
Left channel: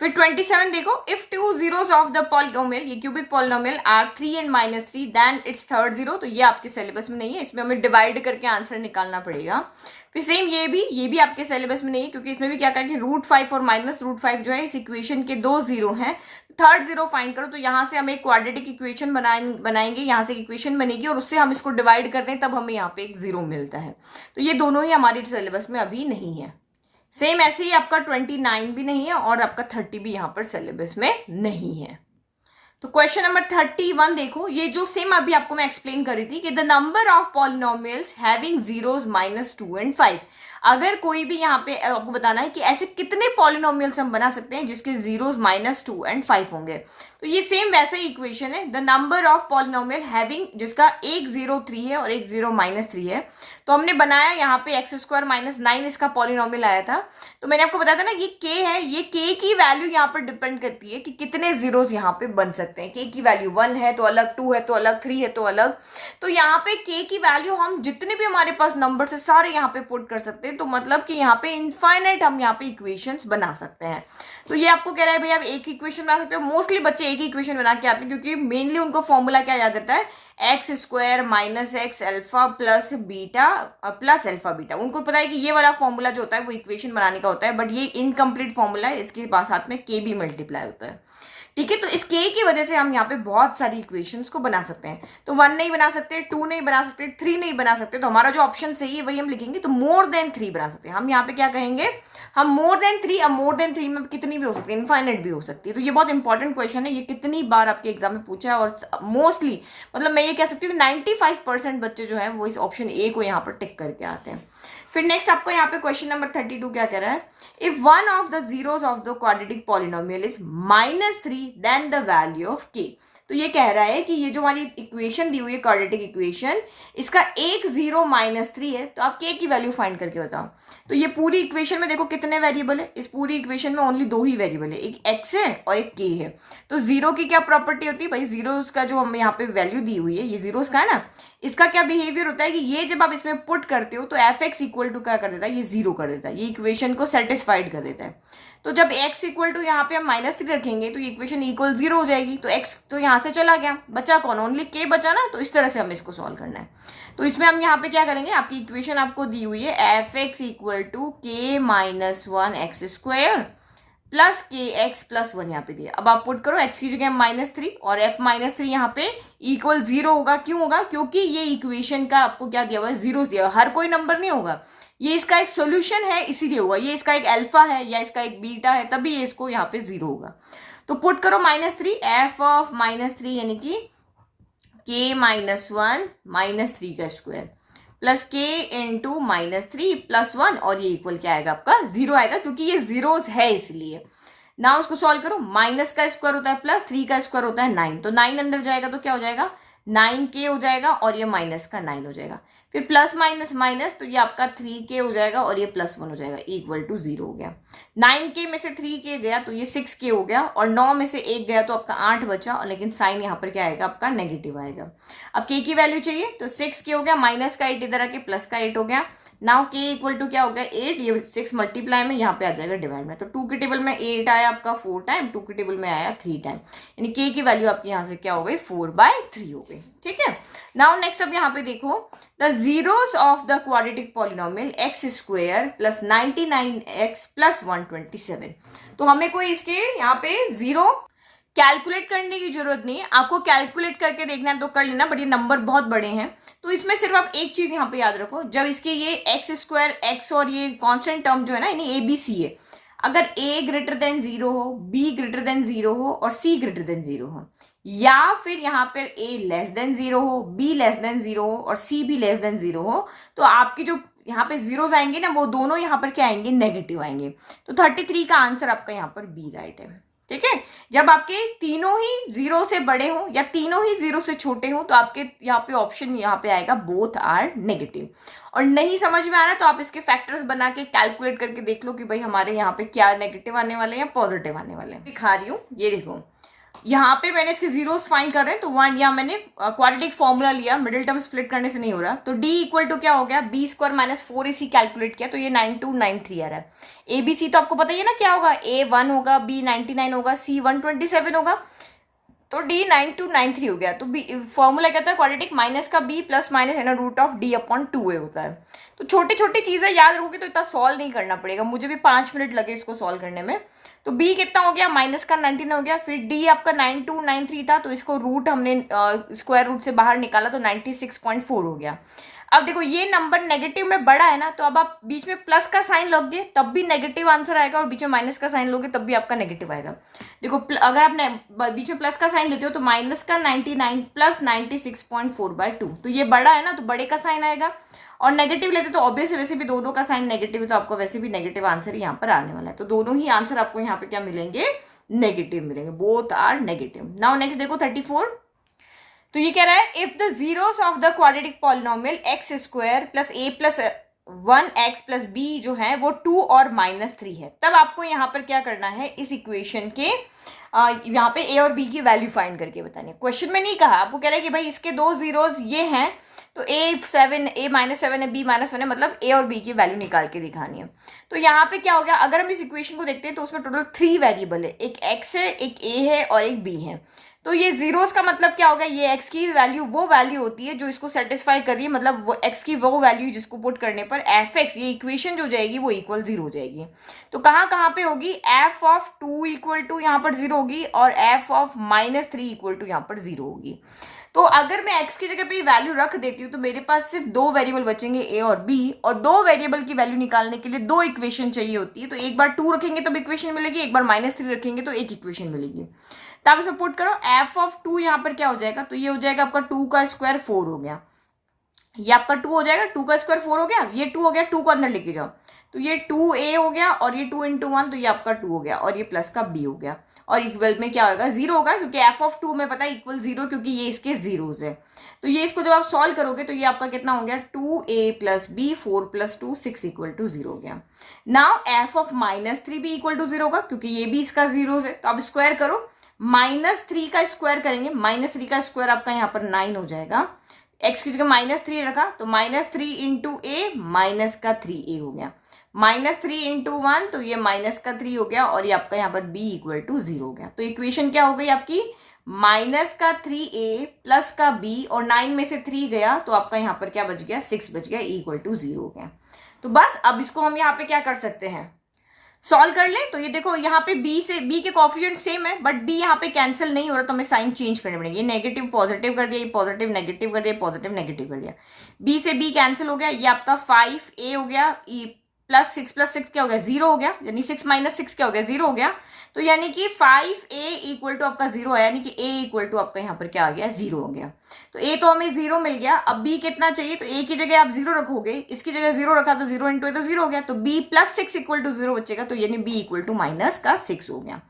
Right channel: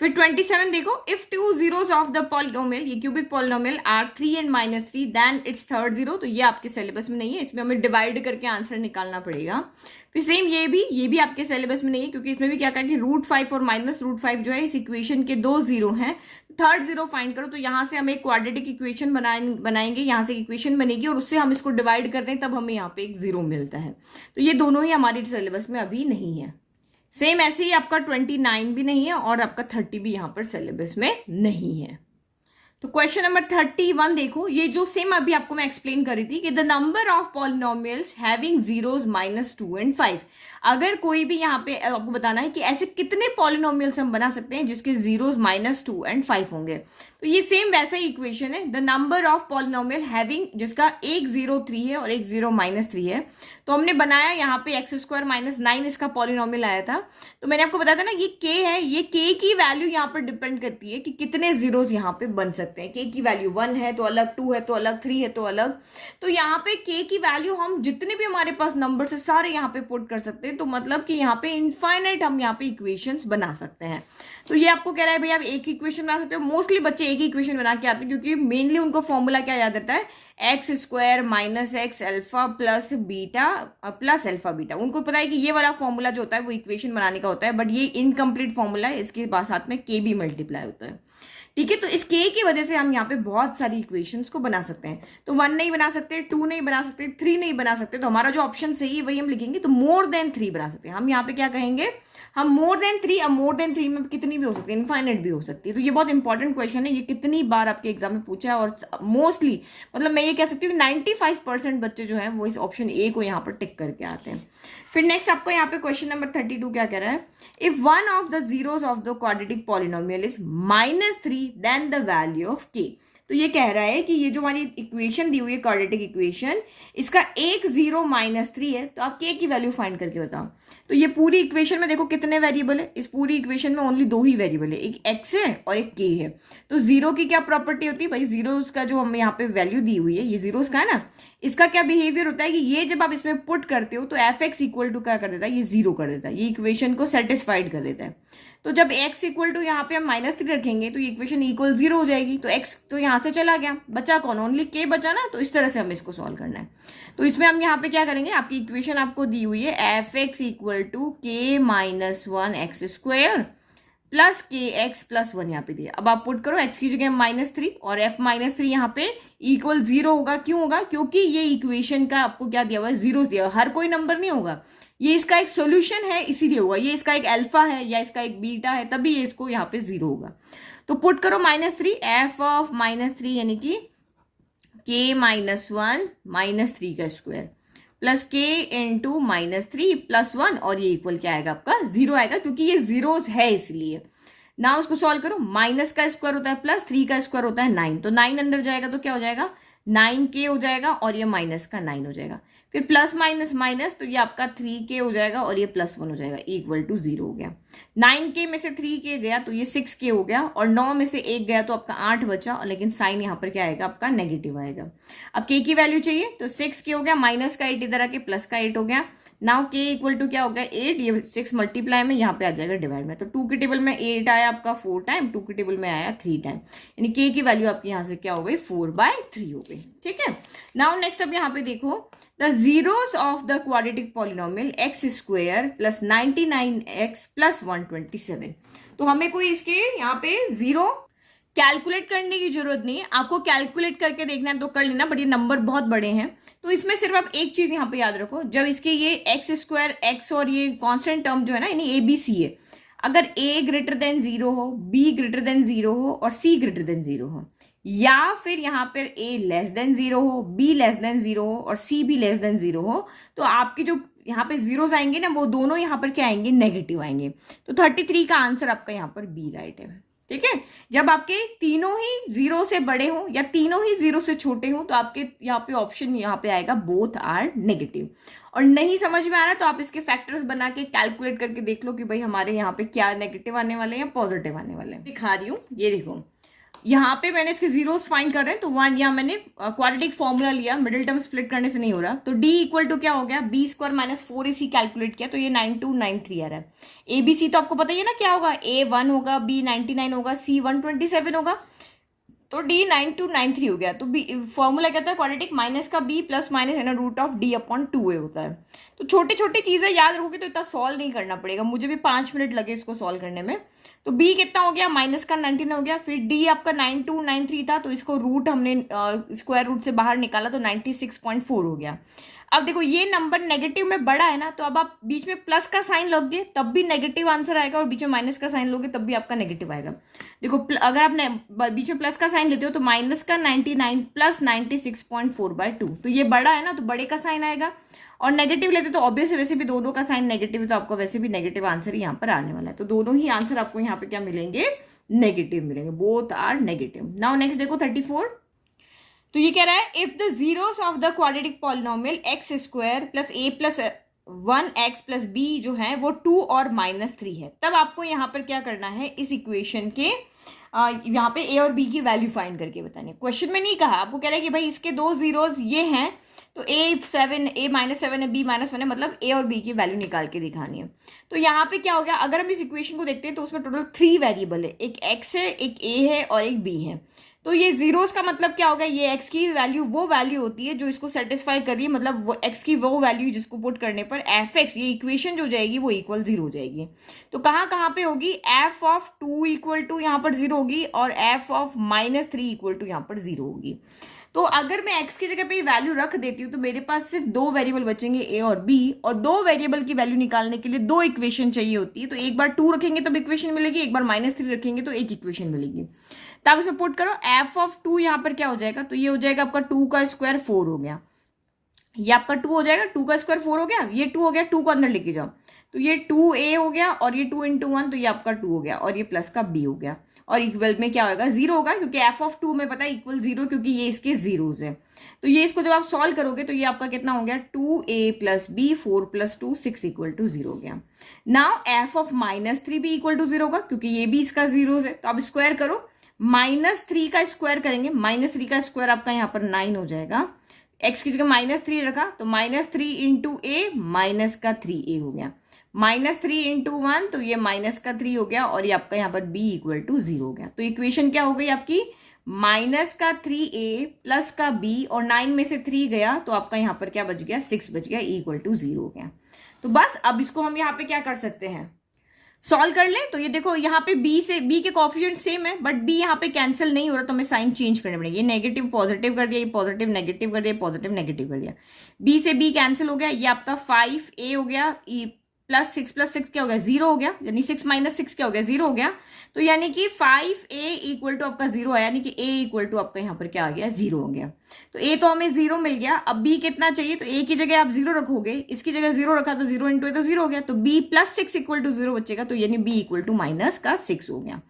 फिर 27 देखो, if two zeros of the polynomial, ये cubic polynomial are 3 and -3 then its third zero. तो ये आपके सिलेबस में नहीं है, इसमें हमें डिवाइड करके आंसर निकालना पड़ेगा। फिर सेम ये भी आपके सिलेबस में नहीं है, क्योंकि इसमें भी क्या कहा कि √5 और -√5 जो है इस इक्वेशन के 2 जीरो हैं। थर्ड जीरो फाइंड करो, तो यहाँ से हम एक क्वाड्रेटिक इक्वेशन बनाएंगे, यहाँ से एक इक्वेशन बनेगी और उससे हम इसको डिवाइड करते हैं, तब हमें यहाँ पे एक जीरो मिलता है। तो ये दोनों ही हमारे सिलेबस में अभी नहीं है। सेम ऐसे ही आपका 29 भी नहीं है और आपका 30 भी यहाँ पर सिलेबस में नहीं है। तो क्वेश्चन नंबर 31 देखो, ये जो सेम अभी आपको मैं एक्सप्लेन करी थी कि the number of polynomials having zeros -2 and 5। अगर कोई भी यहाँ पे आपको बताना है कि ऐसे कितने पॉलिनोमियल्स हम बना सकते हैं जिसके जीरोस -2 एंड 5 होंगे। तो ये सेम वैसा ही इक्वेशन है, the number of polynomial having, जिसका एक 0 3 है और एक 0 -3 है। तो हमने बनाया यहाँ पे x² -9 इसका पॉलिनोमियल आया था। तो मैंने आपको बताया था ना, ये k है, ये k की वैल्यू यहाँ पर डिपेंड करती है कि कितने जीरोस यहाँ पे बन सकते हैं। k की वैल्यू 1 है तो अलग, 2 है तो अलग, 3 है तो अलग। तो यहाँ पे k की वैल्यू हम जितने भी हमारे पास नंबर है सारे यहाँ पे पुट कर सकते हैं। तो मतलब कि यहाँ पे इनफाइनाइट हम यहाँ पे इक्वेशंस बना सकते हैं। तो ये आपको कह रहा है भाई आप एक इक्वेशन बना सकते हो। मोस्टली बच्चे एक ही इक्वेशन बना के आते हैं, क्योंकि मेनली उनको फॉर्मूला क्या याद रहता है, x² -x alpha plus beta plus alpha beta. उनको पता है कि ये वाला फॉर्मूला जो होता है वो इक्वेशन बनाने का होता है, बट ये इनकम्प्लीट फॉर्मूला है, इसके साथ में k भी मल्टीप्लाई होता है। ठीक है, तो इस k की वजह से हम यहाँ पे बहुत सारी इक्वेशंस को बना सकते हैं। तो 1 नहीं बना सकते, 2 नहीं बना सकते, 3 नहीं बना सकते। तो हमारा जो ऑप्शन सही है वही हम लिखेंगे। तो मोर देन 3 बना सकते हैं। हम यहाँ पे क्या कहेंगे, हम मोर देन 3। अब मोर देन 3 में कितनी भी हो सकती है, इनफाइनाइट भी हो सकती है। तो ये बहुत इंपॉर्टेंट क्वेश्चन है, ये कितनी बार आपके एग्जाम में पूछा है। और मोस्टली मतलब मैं ये कह सकती हूँ 95% बच्चे जो है वो इस ऑप्शन ए को यहाँ पर टिक करके आते हैं। फिर नेक्स्ट आपको यहाँ पे क्वेश्चन नंबर 32 क्या कह रहा है, if one of the zeros of the quadratic polynomial is -3 then the value of k। तो ये कह रहा है कि ये जो हमारी इक्वेशन दी हुई है क्वाड्रेटिक इक्वेशन, इसका एक 0 -3 है। तो आप k की वैल्यू फाइंड करके बताओ। तो ये पूरी इक्वेशन में देखो कितने वेरिएबल है, इस पूरी इक्वेशन में ओनली 2 ही वेरिएबल है, एक x है और एक k है। तो जीरो की क्या प्रॉपर्टी होती है भाई, जीरोस का जो हमें यहाँ पे वैल्यू दी हुई है, ये जीरोस का है ना, इसका क्या बिहेवियर होता है कि ये जब आप इसमें पुट करते हो तो f(x) इक्वल टू क्या कर देता है, ये 0 कर देता है, ये इक्वेशन को सेटिस्फाइड कर देता है। तो जब x इक्वल टू यहाँ पे हम -3 रखेंगे तो ये इक्वेशन इक्वल 0 हो जाएगी। तो x तो यहाँ से चला गया, बचा कौन, ओनली k बचा ना। तो इस तरह से हमें इसको सॉल्व करना है। तो इसमें हम यहाँ पे क्या करेंगे, आपकी इक्वेशन आपको दी हुई है f(x) equal to k -1 x² plus kx plus 1 यहाँ पे दिया। अब आप पुट करो, x की जगह -3 और f -3 यहाँ पे इक्वल 0 होगा। क्यों होगा, क्योंकि ये इक्वेशन का आपको क्या दिया हुआ है, जीरो दिया हुआ है। हर कोई नंबर नहीं होगा, ये इसका एक सोल्यूशन है इसीलिए होगा। ये इसका एक अल्फा है या इसका एक बीटा है, तभी ये इसको यहाँ पे 0 होगा। तो पुट करो -3, f ऑफ -3 यानी कि k -1 -3 का square plus k into -3 plus 1 और ये इक्वल क्या आएगा आपका 0 आएगा, क्योंकि ये जीरोस है इसलिए। ना उसको सॉल्व करो, माइनस का स्क्वायर होता है प्लस 3 का स्क्वायर होता है 9। तो 9 अंदर जाएगा तो क्या हो जाएगा, 9k हो जाएगा और ये माइनस का 9 हो जाएगा। फिर प्लस माइनस माइनस, तो ये आपका 3k हो जाएगा और ये +1 हो जाएगा, इक्वल टू 0 हो गया। 9k में से 3k गया तो ये 6k हो गया और 9 में से 1 गया तो आपका 8 बचा। और लेकिन साइन यहाँ पर क्या आएगा आपका नेगेटिव आएगा। अब k की वैल्यू चाहिए तो 6k हो गया, माइनस का 8 इधर आके प्लस का 8 हो गया। नाउ k इक्वल टू क्या हो गया 8, ये 6 मल्टीप्लाई में यहाँ पे आ जाएगा डिवाइड में। तो 2 के टेबल में 8 आया आपका 4 टाइम, 2 के टेबल में आया 3 टाइम, यानी k की वैल्यू आपकी यहाँ से क्या हो गई 4/3 हो गई। ठीक है, नाउ नेक्स्ट अब यहाँ पे देखो, the zeros of the quadratic polynomial x² plus 99x plus 127। तो हमें कोई इसके यहाँ पे जीरो कैलकुलेट करने की जरूरत नहीं है, आपको कैलकुलेट करके देखना है तो कर लेना, बट ये नंबर बहुत बड़े हैं। तो इसमें सिर्फ आप एक चीज यहाँ पे याद रखो, जब इसके ये x² x और ये कांस्टेंट टर्म जो है ना, यानी ABC है, अगर a ग्रेटर देन 0 हो, b ग्रेटर देन 0 हो और c ग्रेटर देन 0 हो, या फिर यहाँ पर a लेस देन 0 हो, b लेस देन 0 हो और c भी लेस देन 0 हो, तो आपकी जो यहाँ पे जीरोस आएंगे ना, वो दोनों यहाँ पर क्या आएंगे, नेगेटिव आएंगे। तो 33 का आंसर आपका यहाँ पर बी राइट है। ठीक है, जब आपके तीनों ही 0 से बड़े हो या तीनों ही 0 से छोटे हो तो आपके यहाँ पे ऑप्शन यहाँ पे आएगा बोथ आर नेगेटिव। और नहीं समझ में आ रहा तो आप इसके फैक्टर्स बना के कैलकुलेट करके देख लो कि भाई हमारे यहाँ पे क्या नेगेटिव आने वाले हैं या पॉजिटिव आने वाले हैं। दिखा रही हूँ, ये देखो, यहाँ पे मैंने इसके जीरोस फाइंड कर रहे हैं, तो वन यहाँ मैंने क्वाड्रेटिक फॉर्मूला लिया, मिडिल टर्म स्प्लिट करने से नहीं हो रहा, तो d इक्वल टू क्या हो गया, B square minus 4ac calculate किया तो ये 9293 आ रहा है। ABC तो आपको पता ही है ना क्या होगा, A 1 होगा, B 99 होगा, C 127 होगा, तो D 9293 हो गया। तो बी फॉर्मूला कहता है क्वाड्रेटिक माइनस का B प्लस माइनस है ना root of D upon 2A होता है। तो छोटी छोटी चीजें याद रखोगे तो इतना सॉल्व नहीं करना पड़ेगा, मुझे भी 5 मिनट लगे इसको सॉल्व करने में। तो B कितना हो गया, माइनस का 19 हो गया, फिर D आपका 9293 था तो इसको रूट हमने स्क्वायर रूट से बाहर निकाला तो 96.4 हो गया। अब देखो ये नंबर नेगेटिव में बड़ा है ना, तो अब आप बीच में प्लस का साइन लोगे तब भी नेगेटिव आंसर आएगा, और बीच में माइनस का साइन लोगे तब भी आपका नेगेटिव आएगा। देखो अगर आप बीच में प्लस का साइन लेते हो तो माइनस का 99 प्लस 96.4/2, तो ये बड़ा है ना तो बड़े का साइन आएगा, और नेगेटिव लेते तो ऑब्वियस वैसे भी दोनों का साइन नेगेटिव है, तो आपको वैसे भी नेगेटिव आंसर यहाँ पर आने वाला है। तो दोनों ही आंसर आपको यहाँ पे क्या मिलेंगे, नेगेटिव मिलेंगे, both are negative. Now next देखो 34, तो ये कह रहा है if the zeros of the quadratic polynomial X square plus A plus 1x plus B जो है वो 2 और -3 है, तब आपको यहाँ पर क्या करना है, इस इक्वेशन के यहाँ पे ए और बी की वैल्यू फाइंड करके बतानी है। क्वेश्चन में नहीं कहा, आपको कह रहा है कि भाई इसके दो जीरोस ये हैं तो A7 A-7 है, B-1 है, मतलब ए और बी की वैल्यू निकाल के दिखानी है। तो यहाँ पे क्या हो गया, अगर हम इस इक्वेशन को देखते हैं तो उसमें टोटल 3 वेरिएबल है, एक x है, एक a है और एक b है। तो ये जीरोस का मतलब क्या होगा, ये x की वैल्यू वो वैल्यू होती है जो इसको सेटिस्फाई कर रही है, मतलब वो x की वो वैल्यू जिसको पुट करने पर fx ये इक्वेशन जो जाएगी वो इक्वल 0 हो जाएगी। तो कहाँ पे होगी, f ऑफ 2 इक्वल टू यहाँ पर 0 होगी और f ऑफ -3 इक्वल टू यहाँ पर 0 होगी। तो अगर मैं x की जगह पे वैल्यू रख देती हूँ तो मेरे पास सिर्फ 2 वेरिएबल बचेंगे a और b, और 2 वेरिएबल की वैल्यू निकालने के लिए 2 इक्वेशन चाहिए होती है। तो एक बार 2 रखेंगे तब इक्वेशन मिलेगी, एक बार -3 रखेंगे तो एक इक्वेशन मिलेगी। तो आप इसे पुट करो, f ऑफ 2 यहाँ पर क्या हो जाएगा, तो ये हो जाएगा आपका 2 का स्क्वायर 4 हो गया, ये आपका 2 हो जाएगा, 2 का स्क्वायर 4 हो गया, ये 2 हो गया, 2 को अंदर लेके जाओ तो ये 2a हो गया, और ये 2 × 1 तो ये आपका 2 हो गया, और ये प्लस का b हो गया, और इक्वल में क्या होगा 0 होगा, क्योंकि f ऑफ 2 में पता है इक्वल 0, क्योंकि ये इसके जीरोस है। तो ये इसको जब आप सॉल्व करोगे तो ये आपका कितना हो गया, 2a plus b 4 plus 2 6 equal to 0 हो गया। नाउ f ऑफ -3 भी इक्वल टू 0 होगा, क्योंकि ये भी इसका जीरोस है। तो आप स्क्वायर करो, -3 का स्क्वायर करेंगे, -3 का स्क्वायर आपका यहाँ पर 9 हो जाएगा, x की जगह -3 रखा तो -3 × a माइनस का 3a हो गया, -3 × 1 तो ये माइनस का 3 हो गया, और ये आपका यहाँ पर b इक्वल टू 0 हो गया। तो इक्वेशन क्या हो गई आपकी, माइनस का 3a प्लस का b, और 9 में से 3 गया तो आपका यहाँ पर क्या बच गया, 6 बच गया, इक्वल टू 0 हो गया। तो बस अब इसको हम यहाँ पे क्या कर सकते हैं, सॉल्व कर ले। तो ये देखो यहाँ पे b के कोएफिशिएंट सेम है, बट b यहाँ पे कैंसिल नहीं हो रहा, तो हमें साइन चेंज करने पड़ेंगे। ये नेगेटिव पॉजिटिव कर दिया, ये पॉजिटिव नेगेटिव कर दिया, पॉजिटिव नेगेटिव कर दिया, b से b कैंसिल हो गया, ये आपका 5a हो गया, प्लस 6 क्या हो गया, 0 हो गया, यानी 6 - 6 क्या हो गया, 0 हो गया। तो यानी कि 5a इक्वल टू आपका 0 है, यानी कि a इक्वल टू आपका यहाँ पर क्या आ गया, 0 हो गया। तो a तो हमें 0 मिल गया, अब b कितना चाहिए, तो a की जगह आप 0 रखोगे, इसकी जगह 0 रखा तो 0 × a तो 0 हो गया, तो b प्लस 6 इक्वल टू 0 बचेगा, तो यानी b इक्वल टू -6 हो गया।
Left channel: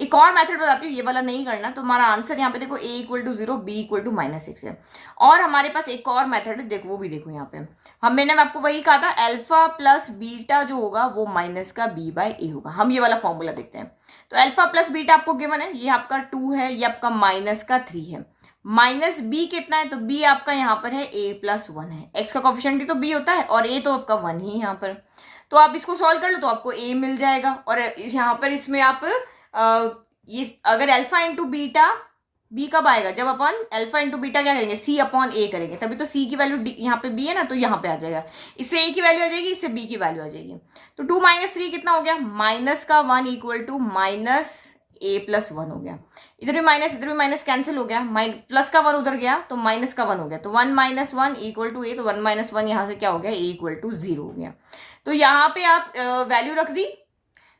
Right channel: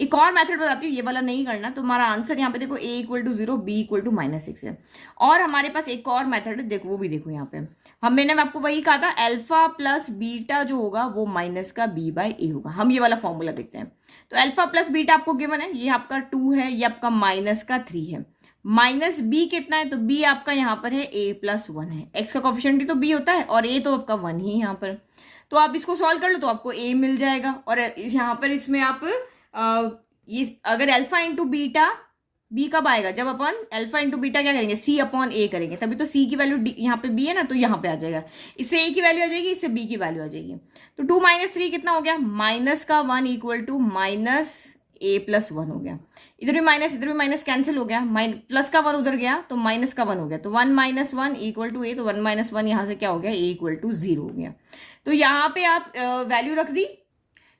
एक और मेथड बताती हूँ, ये वाला नहीं करना, तो हमारा आंसर यहाँ पे देखो a equal to 0 b equal to -6 है। और हमारे पास एक और मेथड है, देखो वो भी देखो यहाँ पे, मैंने आपको वही कहा था, अल्फा प्लस बीटा जो होगा वो माइनस का b/a होगा। हम ये वाला फॉर्मूला देखते हैं। तो अल्फा प्लस बीटा आपको गिवन है, ये आपका 2 है, ये आपका -3 है, माइनस b कितना है, तो b आपका यहाँ पर है a + 1 है, x का कोएफिशिएंट ही तो b होता है, और a तो आपका 1 ही यहाँ पर। तो आप इसको सॉल्व कर लो तो आपको a मिल जाएगा, और यहाँ पर इसमें आप ये अगर अल्फा इंटू बीटा, b कब आएगा, जब अपन अल्फा इंटू बीटा क्या करेंगे, c अपॉन a करेंगे, तभी तो c की वैल्यू यहाँ पे b है ना, तो यहाँ पे आ जाएगा, इससे a की वैल्यू आ जाएगी, इससे b की वैल्यू आ जाएगी। तो 2 - 3 कितना हो गया, माइनस का 1 इक्वल टू -a + 1 हो गया, इधर भी माइनस इधर भी माइनस कैंसिल हो गया, प्लस का 1 उधर गया तो माइनस का 1 हो गया, तो 1 - 1 इक्वल टू a, तो 1 - 1 यहाँ से क्या हो गया, a इक्वल टू 0 हो गया। तो यहाँ पे आप वैल्यू रख दी,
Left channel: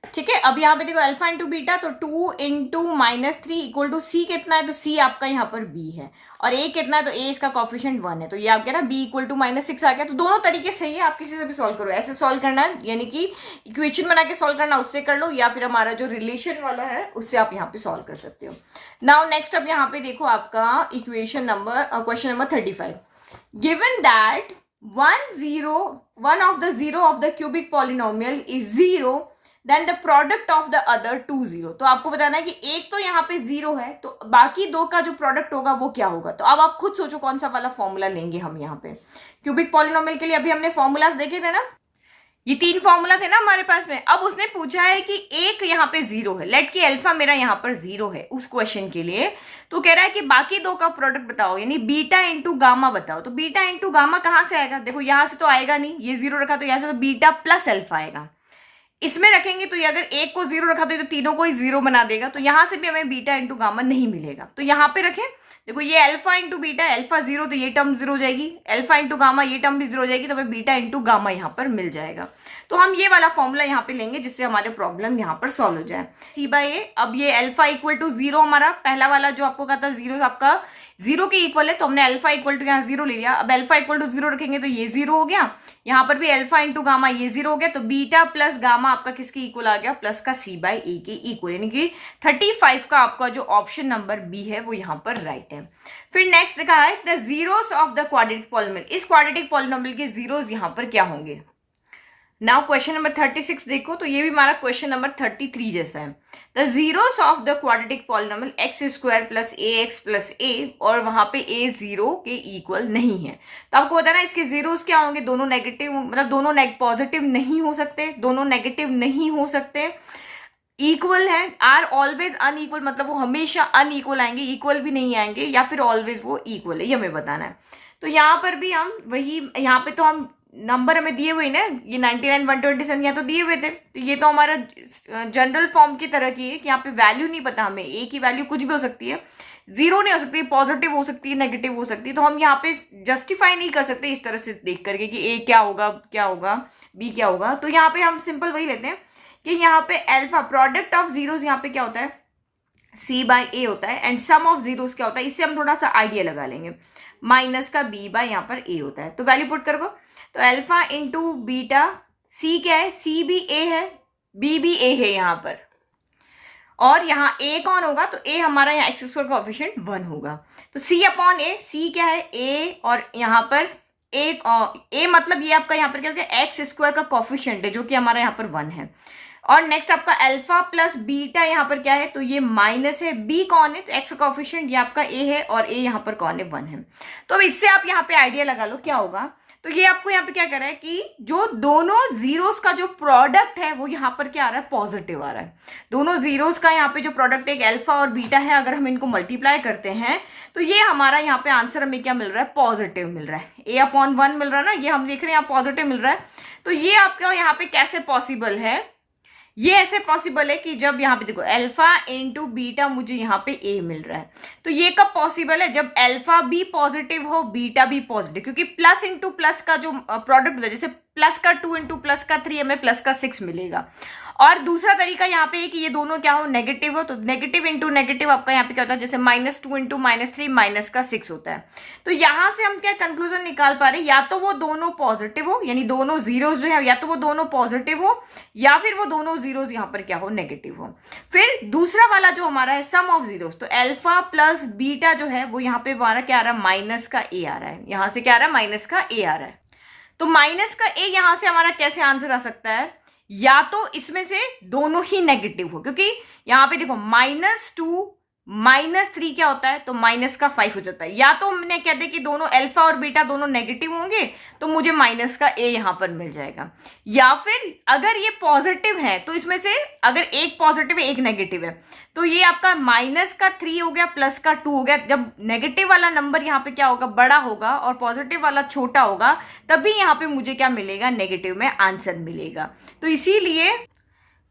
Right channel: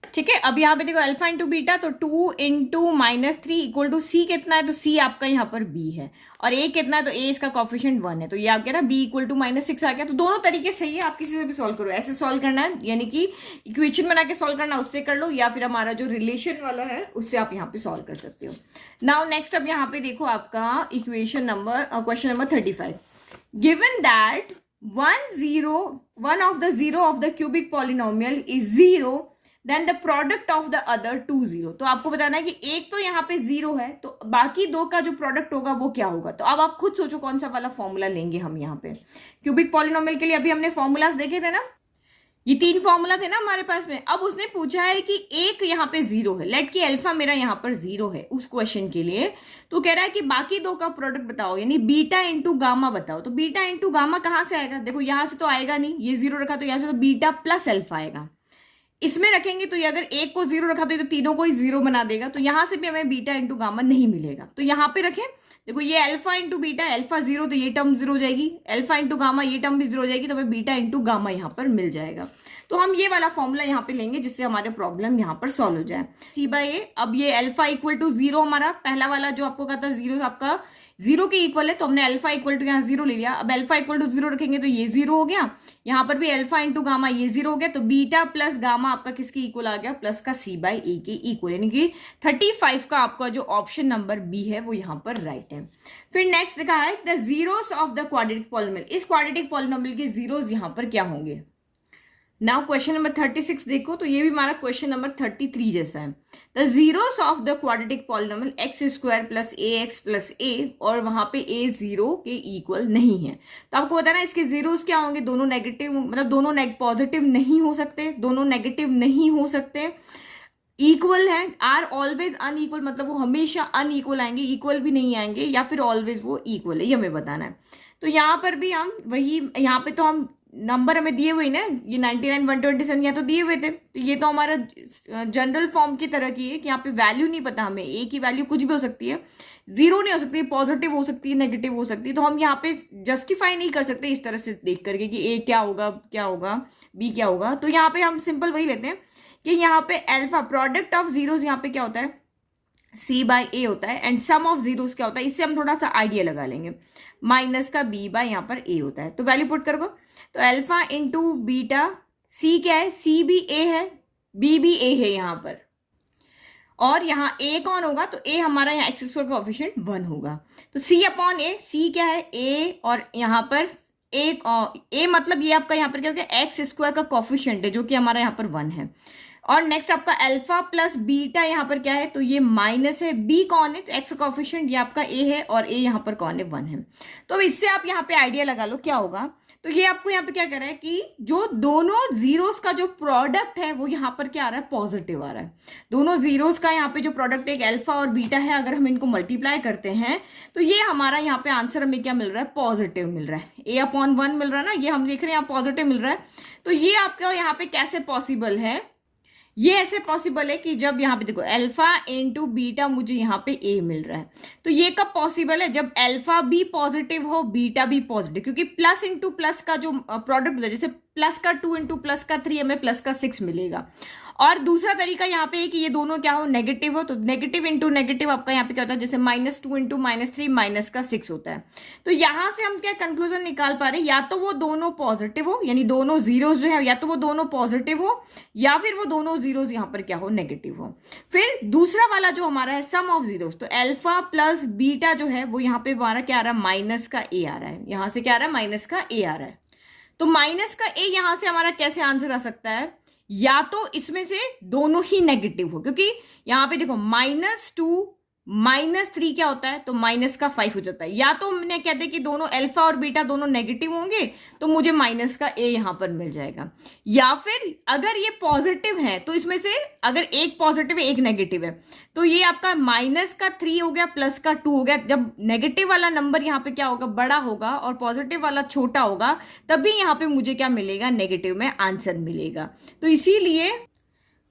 ठीक है। अब यहाँ पे देखो अल्फा इंटू बीटा, तो 2 × -3 इक्वल टू c कितना है, तो c आपका यहाँ पर b है, और a कितना है, तो a इसका कोएफिशिएंट 1 है, तो ये आपका ना b इक्वल टू -6 आ गया। तो दोनों तरीके सही है, आप किसी से भी सॉल्व करो, ऐसे सॉल्व करना है, यानी कि इक्वेशन बना के सॉल्व करना, उससे कर लो, या फिर हमारा जो रिलेशन वाला है उससे आप यहाँ पे सॉल्व कर सकते हो। नाउ नेक्स्ट अब यहाँ पे देखो आपका equation number question number 35, given that one of the zero of the cubic polynomial is 0, then the product of the other 2 0। तो आपको बताना है कि एक तो यहाँ पे 0 है, तो बाकी दो का जो प्रोडक्ट होगा वो क्या होगा। तो अब आप खुद सोचो कौन सा वाला फॉर्मूला लेंगे हम यहाँ पे। क्यूबिक पॉलिनोमियल के लिए अभी हमने फॉर्मूलाज देखे थे ना, ये 3 फॉर्मूला थे ना हमारे पास में। अब उसने पूछा है कि एक यहाँ पे 0 है, लेट कि अल्फा मेरा यहाँ पर 0 है उस क्वेश्चन के लिए। तो कह रहा है कि बाकी दो का प्रोडक्ट बताओ, यानी बीटा इंटू गामा बताओ। तो बीटा इंटू गामा कहाँ से आएगा, देखो यहां से तो आएगा नहीं, ये 0 रखा तो यहाँ से तो बीटा प्लस अल्फा आएगा। इसमें रखेंगे तो ये अगर एक को 0 रखा तो ये तो तीनों को ही 0 बना देगा, तो यहां से भी हमें बीटा इंटू गामा नहीं मिलेगा। तो यहाँ पे रखें, देखो ये अल्फा इंटू बीटा, अल्फा 0 तो ये टर्म 0 हो जाएगी, अल्फा इंटू गामा ये टर्म भी 0 हो जाएगी, तो हमें बीटा इंटू गामा यहाँ पर मिल जाएगा। तो हम ये वाला फॉर्मूला यहाँ पे लेंगे जिससे हमारे प्रॉब्लम यहाँ पर सॉल्व हो जाए। सी बाय ए, अब ये अल्फा इक्वल टू 0 हमारा पहला वाला जो आपको कहा था 0 आपका 0 के इक्वल है, तो हमने अल्फा इक्वल टू यहाँ 0 ले लिया। अब अल्फा इक्वल टू 0 रखेंगे तो ये 0 हो गया, यहाँ पर भी अल्फा इंटू गामा ये 0 हो गया, तो बीटा प्लस गामा आपका किसके इक्वल आ गया, प्लस का सी बाय ए के इक्वल, यानी कि 35 का आपका जो ऑप्शन नंबर बी है वो यहाँ पर राइट है। फिर नेक्स्ट देखा है the zeros of the quadratic polynomial. इस क्वाड्रेटिक पॉलिनोमियल के जीरोस यहाँ पर क्या होंगे। नाउ क्वेश्चन नंबर 36 देखो, तो ये भी हमारा क्वेश्चन नंबर 33 जैसा है। The zeros of the quadratic polynomial X square plus A X plus A, और वहां पे ए 0 के इक्वल नहीं है। तो आपको बताना इसके जीरोस क्या होंगे, दोनों नेगेटिव, मतलब दोनों पॉजिटिव नहीं हो सकते, दोनों नेगेटिव नहीं हो सकते, इक्वल है, आर ऑलवेज अनइक्वल, मतलब वो हमेशा अनइक्वल आएंगे, इक्वल भी नहीं आएंगे, या फिर ऑलवेज वो इक्वल है, ये हमें बताना है। तो यहाँ पर भी हम वही, यहाँ पे तो हम नंबर हमें दिए हुए ना, ये 99 127 यहाँ तो दिए हुए थे, तो ये तो हमारा जनरल फॉर्म की तरह की है कि यहाँ पे वैल्यू नहीं पता हमें, ए की वैल्यू कुछ भी हो सकती है, 0 नहीं हो सकती, पॉजिटिव हो सकती है, नेगेटिव हो सकती है। तो हम यहाँ पे जस्टिफाई नहीं कर सकते इस तरह से देख करके कि ए क्या होगा, क्या होगा, बी क्या होगा। तो यहाँ पे हम सिंपल वही लेते हैं कि यहाँ पे अल्फा प्रोडक्ट ऑफ जीरोस यहाँ पे क्या होता है, सी बाय ए होता है, एंड सम ऑफ जीरोस क्या होता है, इससे हम थोड़ा सा आइडिया लगा लेंगे, माइनस का बी बाय यहाँ पर ए होता है। तो वैल्यू पुट कर दो, तो अल्फा इंटू बीटा, सी क्या है, सी भी ए है, बी भी ए है यहाँ पर, और यहाँ ए कौन होगा, तो ए हमारा यहाँ एक्स स्क्वायर का कोएफिशिएंट 1 होगा। तो सी अपॉन ए, सी क्या है ए, और यहाँ पर ए मतलब ये आपका यहाँ पर क्या हो गया, एक्स स्क्वायर का कोएफिशिएंट है जो कि हमारा यहाँ पर 1 है। और नेक्स्ट आपका अल्फा प्लस बीटा यहाँ पर क्या है, तो ये माइनस है, बी कौन है, तो एक्स का कोएफिशिएंट ये आपका ए है, और ए यहाँ पर कौन है, 1 है। तो अब इससे आप यहाँ पे आइडिया लगा लो क्या होगा। तो ये आपको यहाँ पे क्या कर रहा है कि जो दोनों जीरोस का जो प्रोडक्ट है वो यहाँ पर क्या आ रहा है, पॉजिटिव आ रहा है। दोनों जीरोस का यहाँ पे जो प्रोडक्ट एक अल्फा और बीटा है, अगर हम इनको मल्टीप्लाई करते हैं तो ये हमारा यहाँ पे आंसर हमें क्या मिल रहा है, पॉजिटिव मिल रहा है, a अपॉन 1 मिल रहा है ना, ये हम देख रहे हैं यहाँ पॉजिटिव मिल रहा है। तो ये आपका यहाँ पे कैसे पॉसिबल है, ये ऐसे पॉसिबल है कि जब यहाँ पे देखो अल्फा इंटू बीटा मुझे यहाँ पे ए मिल रहा है, तो ये कब पॉसिबल है, जब अल्फा भी पॉजिटिव हो बीटा भी पॉजिटिव, क्योंकि प्लस इंटू प्लस का जो प्रोडक्ट होता है, जैसे प्लस का 2 इंटू प्लस का 3 हमें प्लस का 6 मिलेगा। और दूसरा तरीका यहाँ पे है कि ये दोनों क्या हो, नेगेटिव हो, तो नेगेटिव इंटू नेगेटिव आपका यहाँ पे क्या होता है, जैसे -2 इंटू -3 माइनस का 6 होता है। तो यहाँ से हम क्या कंक्लूजन निकाल पा रहे हैं, या तो वो दोनों पॉजिटिव हो, यानी दोनों जीरोस जो है या तो वो दोनों पॉजिटिव हो, या फिर वो दोनों जीरोस यहाँ पर क्या हो, नेगेटिव हो। फिर दूसरा वाला जो हमारा है सम ऑफ जीरोस, तो अल्फा प्लस बीटा जो है वो यहाँ पे हमारा क्या आ रहा है, माइनस का ए आ रहा है, यहाँ से क्या आ रहा है, माइनस का ए आ रहा है। तो माइनस का ए यहां से हमारा कैसे आंसर आ सकता है, या तो इसमें से दोनों ही नेगेटिव हो, क्योंकि यहां पे देखो -2 -3 क्या होता है, तो -5 हो जाता है। या तो हमने कहते कि दोनों अल्फा और बीटा दोनों नेगेटिव होंगे तो मुझे माइनस का ए यहां पर मिल जाएगा, या फिर अगर ये पॉजिटिव है तो इसमें से अगर एक पॉजिटिव है एक नेगेटिव है, तो ये आपका -3 हो गया प्लस का 2 हो गया। जब नेगेटिव वाला नंबर यहाँ पे क्या होगा, बड़ा होगा, और पॉजिटिव वाला छोटा होगा, तभी यहाँ पे मुझे क्या मिलेगा, नेगेटिव में आंसर मिलेगा। तो इसीलिए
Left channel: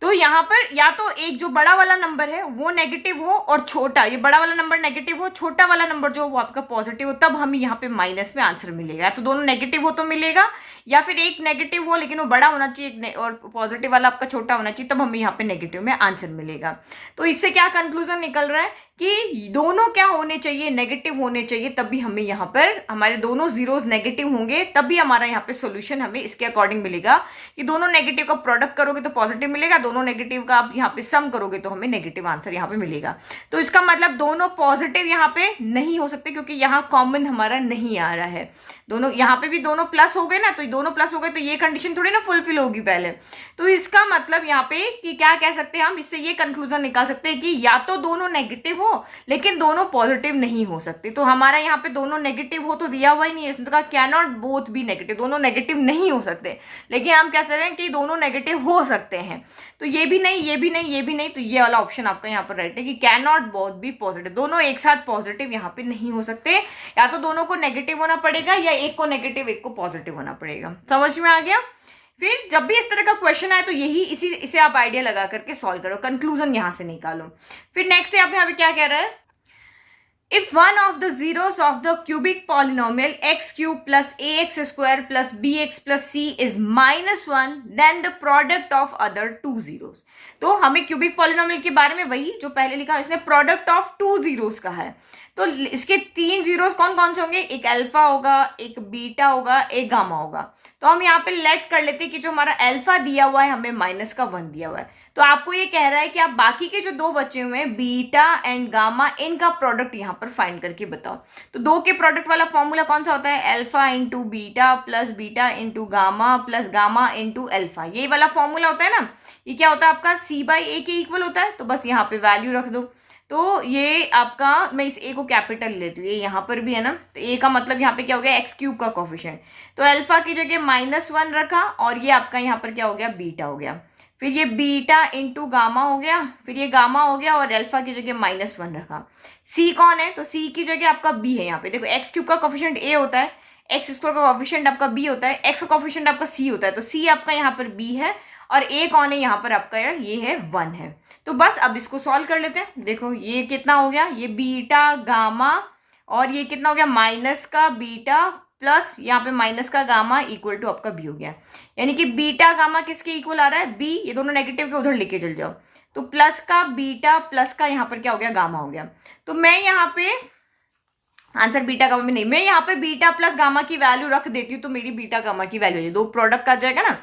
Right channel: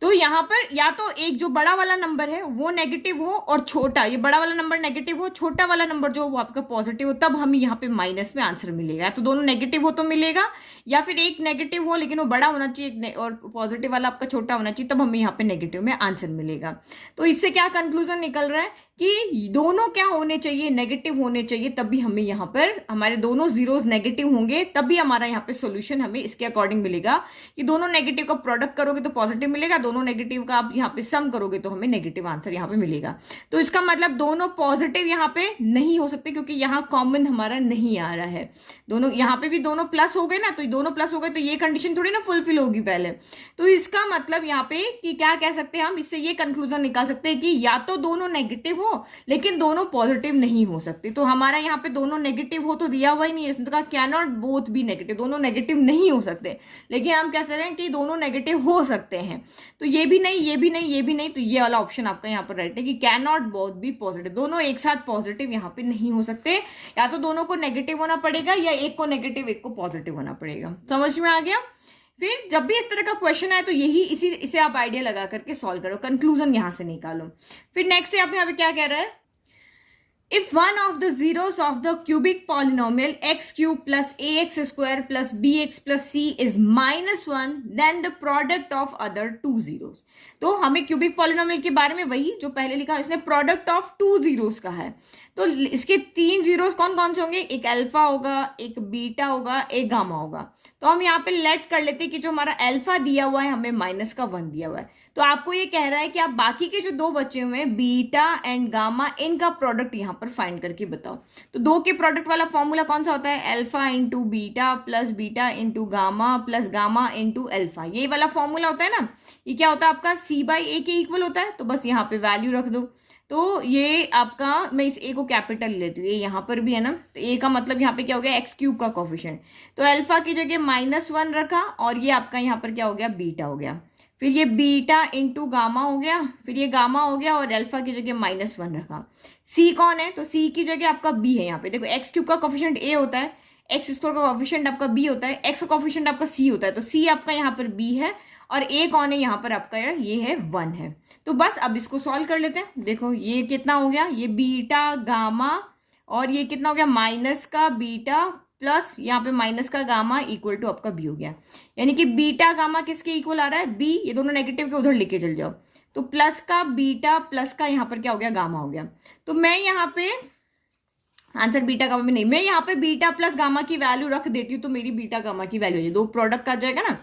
तो यहाँ पर या तो एक जो बड़ा वाला नंबर है वो नेगेटिव हो, और छोटा, ये बड़ा वाला नंबर नेगेटिव हो, छोटा वाला नंबर जो वो आपका पॉजिटिव हो, तब हमें यहाँ पे माइनस में आंसर मिलेगा। तो दोनों नेगेटिव हो तो मिलेगा, या फिर एक नेगेटिव हो लेकिन वो बड़ा होना चाहिए और पॉजिटिव वाला आपका छोटा होना चाहिए, तब हमें यहाँ पे नेगेटिव में आंसर मिलेगा। तो इससे क्या कंक्लूजन निकल रहा है कि दोनों क्या होने चाहिए, नेगेटिव होने चाहिए, तभी हमें यहाँ पर हमारे दोनों जीरोस नेगेटिव होंगे, तभी हमारा यहाँ पे सॉल्यूशन हमें इसके अकॉर्डिंग मिलेगा कि दोनों नेगेटिव का प्रोडक्ट करोगे तो पॉजिटिव मिलेगा, दोनों नेगेटिव का आप यहाँ पे सम करोगे तो हमें नेगेटिव आंसर यहाँ पे मिलेगा। तो इसका मतलब दोनों पॉजिटिव यहाँ पे नहीं हो सकते, क्योंकि यहाँ कॉमन हमारा नहीं आ रहा है। दोनों यहाँ पे भी दोनों प्लस हो गए ना, तो दोनों प्लस हो गए तो ये कंडीशन थोड़ी ना फुलफिल होगी पहले। तो इसका मतलब यहाँ पे कि क्या कह सकते हैं हम, इससे ये कंक्लूजन निकाल सकते हैं कि या तो दोनों नेगेटिव हो लेकिन दोनों पॉजिटिव नहीं हो सकते। तो हमारा यहाँ पे दोनों नेगेटिव हो तो दिया हुआ ही नहीं है, इसने कहा can not both be negative, दोनों नेगेटिव नहीं हो सकते। लेकिन हम कह सकते हैं कि दोनों नेगेटिव हो सकते हैं, तो ये भी नहीं, ये भी नहीं, ये भी नहीं, तो ये वाला ऑप्शन आपका यहाँ पर राइट है कि can not both be positive, दोनों एक साथ पॉजिटिव यहाँ पे नहीं हो सकते। या तो दोनों को नेगेटिव होना पड़ेगा या एक को नेगेटिव एक को पॉजिटिव होना पड़ेगा। समझ में आ गया? फिर जब भी इस तरह का क्वेश्चन आए तो यही इसे आप आइडिया लगा करके सॉल्व करो, कंक्लूजन यहां से निकालो। फिर नेक्स्ट आप यहाँ पे क्या कह रहा है, if one of the zeros of the cubic polynomial x cube plus ax square plus bx plus c is -1 then the product of other two zeros। तो हमें क्यूबिक पॉलिनोमियल के बारे में वही जो पहले लिखा, इसने प्रोडक्ट ऑफ टू जीरोस का है। तो इसके तीन जीरोस कौन कौन से होंगे, एक अल्फा होगा, एक बीटा होगा, एक गामा होगा। तो हम यहाँ पे लेट कर लेते हैं कि जो हमारा अल्फा दिया हुआ है हमें -1 दिया हुआ है। तो आपको ये कह रहा है कि आप बाकी के जो दो बचे हुए हैं बीटा एंड गामा, इनका प्रोडक्ट यहाँ पर फाइंड करके बताओ। तो दो के प्रोडक्ट वाला फॉर्मूला कौन सा होता है, alpha into beta plus beta into gamma plus gamma into alpha, ये वाला फॉर्मूला होता है ना। ये क्या होता है आपका c/a के इक्वल होता है। तो बस यहाँ पे वैल्यू रख दो। तो ये आपका, मैं इस a को कैपिटल लेती हूँ, ये यहाँ पर भी है ना, तो a का मतलब यहाँ पे क्या हो गया, एक्स क्यूब का कोफिशिएंट। तो अल्फा की जगह -1 रखा और ये आपका यहाँ पर क्या हो गया, बीटा हो गया। फिर ये बीटा इंटू गामा हो गया, फिर ये गामा हो गया और अल्फा की जगह -1 रखा। c कौन है, तो c की जगह आपका b है। यहाँ पे देखो एक्स क्यूब का कोफिशिएंट a होता है, एक्स स्क्वायर का कोफिशिएंट आपका b होता है, एक्स का कोफिशिएंट आपका c होता है। तो c आपका यहाँ पर b है और a कौन है यहाँ पर आपका, यार ये है 1 है। तो बस अब इसको सॉल्व कर लेते हैं। देखो ये कितना हो गया, ये बीटा गामा और ये कितना हो गया, माइनस का बीटा प्लस यहाँ पे माइनस का गामा इक्वल टू आपका बी हो गया। यानी कि बीटा गामा किसके इक्वल आ रहा है, बी। ये दोनों नेगेटिव के उधर लेके चल जाओ। तो प्लस का बीटा प्लस का यहाँ पर क्या हो गया, गामा हो गया। तो मैं यहाँ पे आंसर बीटा गामा में नहीं, मैं यहाँ पे बीटा प्लस गामा की वैल्यू रख देती हूँ, तो मेरी बीटा गामा की वैल्यू है, दो प्रोडक्ट आ जाएगा ना।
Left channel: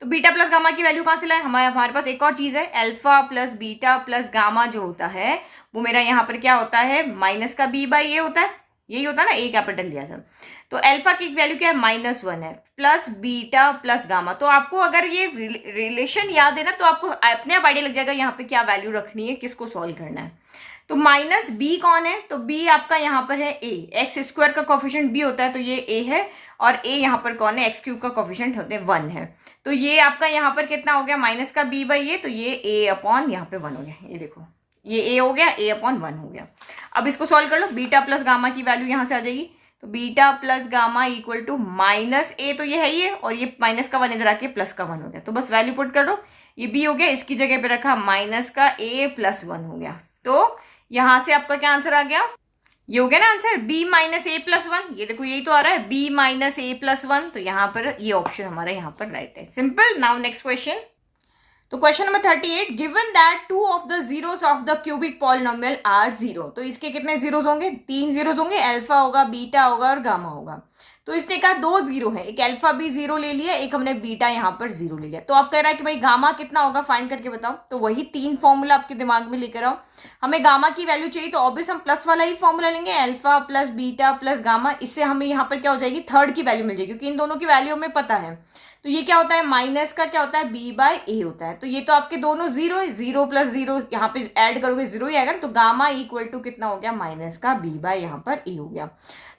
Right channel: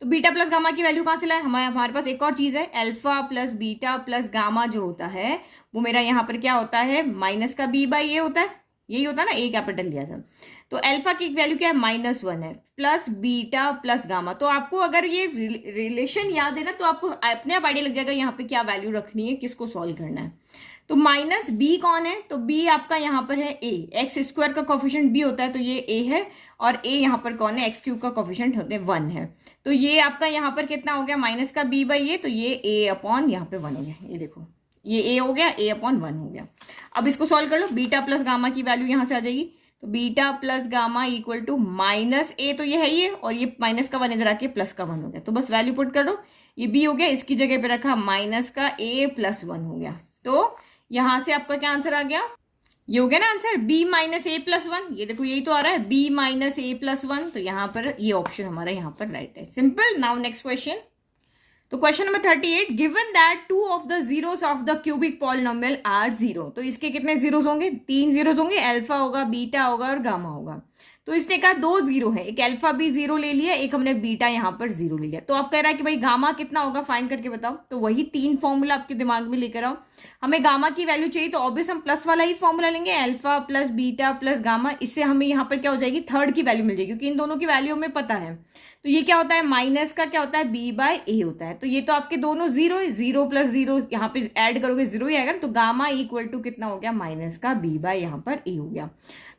तो बीटा प्लस गामा की वैल्यू कहाँ से लाए, हमारे पास एक और चीज है, alpha plus beta plus gamma जो होता है वो मेरा यहाँ पर क्या होता है, माइनस का b/a होता है, यही होता है ना, a कैपिटल लिया था। तो अल्फा की वैल्यू क्या है, -1 है, प्लस बीटा प्लस गामा। तो आपको अगर ये रिलेशन याद है ना, तो आपको अपने आप आइडिया लग जाएगा यहाँ पे क्या वैल्यू रखनी है, किसको सॉल्व करना है। तो माइनस b कौन है, तो b आपका यहाँ पर है a, एक्स स्क्वायर का कोफिशिएंट b होता है तो ये a है, और a यहाँ पर कौन है, एक्स क्यूब का कोफिशिएंट होते हैं 1 है। तो ये आपका यहाँ पर कितना हो गया, माइनस का b/a, तो ये a अपॉन यहाँ पे 1 हो गया। ये देखो ये a हो गया, a/1 हो गया। अब इसको सॉल्व कर लो, बीटा प्लस गामा की वैल्यू यहाँ से आ जाएगी। तो beta plus gamma equal to -a, तो ये है ये, और ये माइनस का 1 इधर आके प्लस का 1 हो गया। तो बस वैल्यू पुट कर दो, ये b हो गया, इसकी जगह पे रखा माइनस का a प्लस 1 हो गया। तो यहां से आपका क्या आंसर आ गया, ये हो गया ना आंसर, b-a+1। ये देखो यही तो आ रहा है, b-a+1। तो यहाँ पर ये ऑप्शन हमारा यहाँ पर राइट है। सिंपल। Now next question. तो question number 38, given that 2 of the zeros of the cubic polynomial are 0। तो इसके कितने जीरोस होंगे, 3 जीरोस होंगे, अल्फा होगा, बीटा होगा और गामा होगा। तो इसने कहा 2 जीरो है, एक अल्फा भी 0 ले लिया, एक हमने बीटा यहाँ पर 0 ले लिया। तो आप कह रहा है कि भाई गामा कितना होगा, फाइंड करके बताओ। तो वही 3 फॉर्मूला आपके दिमाग में लेकर आओ। हमें गामा की वैल्यू चाहिए तो ऑब्वियस हम प्लस वाला ही फॉर्मूला लेंगे, alpha plus beta plus gamma. इससे हमें यहाँ पर क्या हो जाएगी, थर्ड की वैल्यू मिल जाएगी, क्योंकि इन दोनों की वैल्यू हमें पता है। तो ये क्या होता है, माइनस का क्या होता है, b/a होता है। तो ये तो आपके दोनों 0 है, 0 प्लस 0 यहाँ पे ऐड करोगे 0 ही आएगा। तो गामा इक्वल टू कितना हो गया, माइनस का b/ यहाँ पर a हो गया।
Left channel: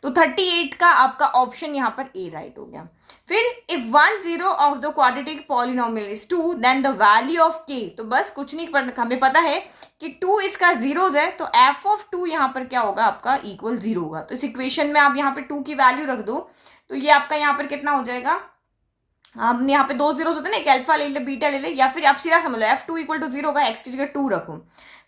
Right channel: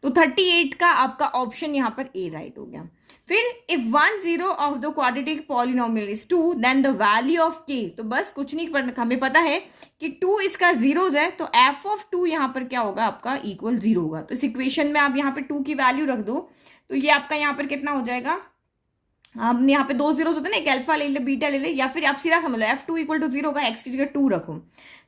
तो 38 का आपका ऑप्शन यहाँ पर a राइट हो गया। फिर if 1 0 of the quadratic polynomial is 2 then the value of k। तो बस कुछ नहीं, हमें पता है कि 2 इसका जीरोस है, तो f ऑफ 2 यहाँ पर क्या होगा आपका, इक्वल 0 होगा। तो इस इक्वेशन में आप यहाँ पे 2 की वैल्यू रख दो, तो ये आपका यहाँ पर कितना हो जाएगा, हमने यहाँ पे 2 जीरोस होते हैं ना, एक अल्फा ले ले बीटा ले ले, या फिर आप सीधा समझ लो f2 इक्वल टू 0 होगा, x की जगह 2 रखो।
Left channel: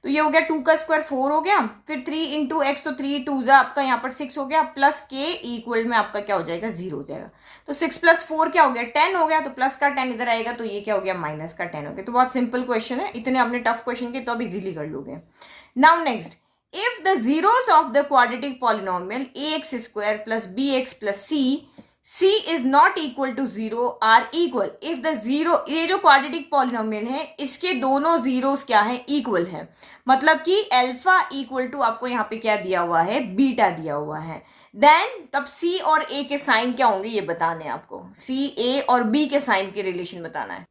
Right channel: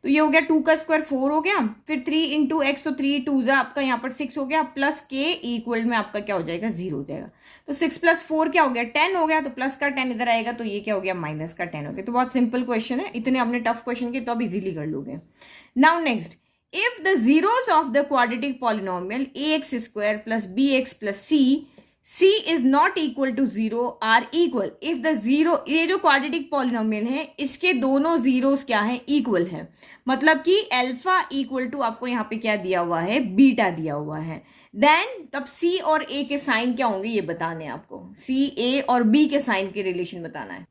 तो ये हो गया 2 का स्क्वायर 4 हो गया, फिर 3 इंटू एक्स, तो 3 2 जा आपका यहाँ पर 6 हो गया, प्लस k इक्वल में आपका क्या हो जाएगा, 0 हो जाएगा। तो 6 + 4 क्या हो गया, 10 हो गया। तो प्लस का 10 इधर आएगा, तो ये क्या हो गया, माइनस का 10 हो गया। तो बहुत सिंपल क्वेश्चन है, इतने अपने टफ क्वेश्चन के तो अब इजीली कर लोगे। Now next, if the zeros of the quadratic polynomial ax² + bx + c C is not equal to 0 are equal if the zero, ये जो क्वाड्रेटिक पॉलिनोमियल है इसके दोनों जीरोस क्या है, इक्वल है। मतलब कि अल्फा इक्वल टू आपको यहाँ पे क्या दिया हुआ है, बीटा दिया हुआ है। देन तब C और A के साइन क्या होंगे ये बताने हैं आपको, C A और B के साइन के रिलेशन बताना है।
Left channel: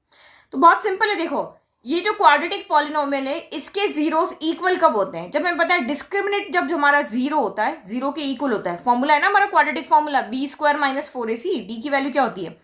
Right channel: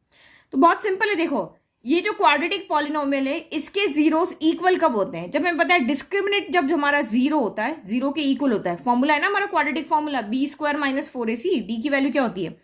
तो बहुत सिंपल है, देखो ये जो क्वाड्रेटिक पॉलिनोमियल है इसके जीरोस इक्वल कब होते हैं, जब हमें पता है डिस्क्रिमिनेट जब हमारा जीरो होता है, जीरो के इक्वल होता है। फॉर्मूला है ना हमारा quadratic formula, B square minus 4ac, D की वैल्यू क्या होती है,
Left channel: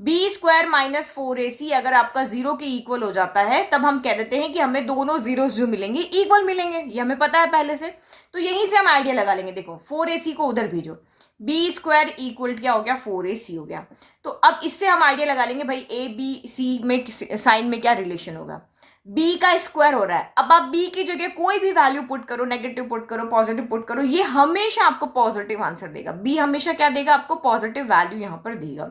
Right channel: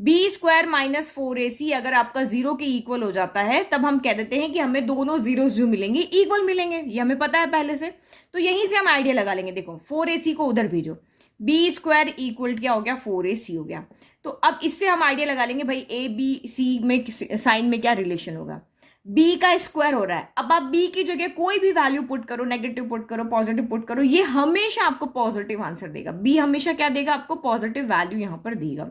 बी स्क्वायर माइनस 4ac। अगर आपका जीरो के इक्वल हो जाता है तब हम कह देते हैं कि हमें दोनों जीरोस जो मिलेंगे इक्वल मिलेंगे, ये हमें पता है पहले से। तो यहीं से हम आइडिया लगा लेंगे, देखो 4ac को उधर भेजो, बी स्क्वायर इक्वल क्या हो गया, 4ac हो गया। तो अब इससे हम आइडिया लगा लेंगे भाई ए बी सी में साइन में क्या रिलेशन होगा, बी का स्क्वायर हो रहा है। अब आप बी की जगह कोई भी वैल्यू पुट करो, नेगेटिव पुट करो, पॉजिटिव पुट करो, ये हमेशा आपको पॉजिटिव आंसर देगा। बी हमेशा क्या देगा, आपको पॉजिटिव वैल्यू यहां पर देगा,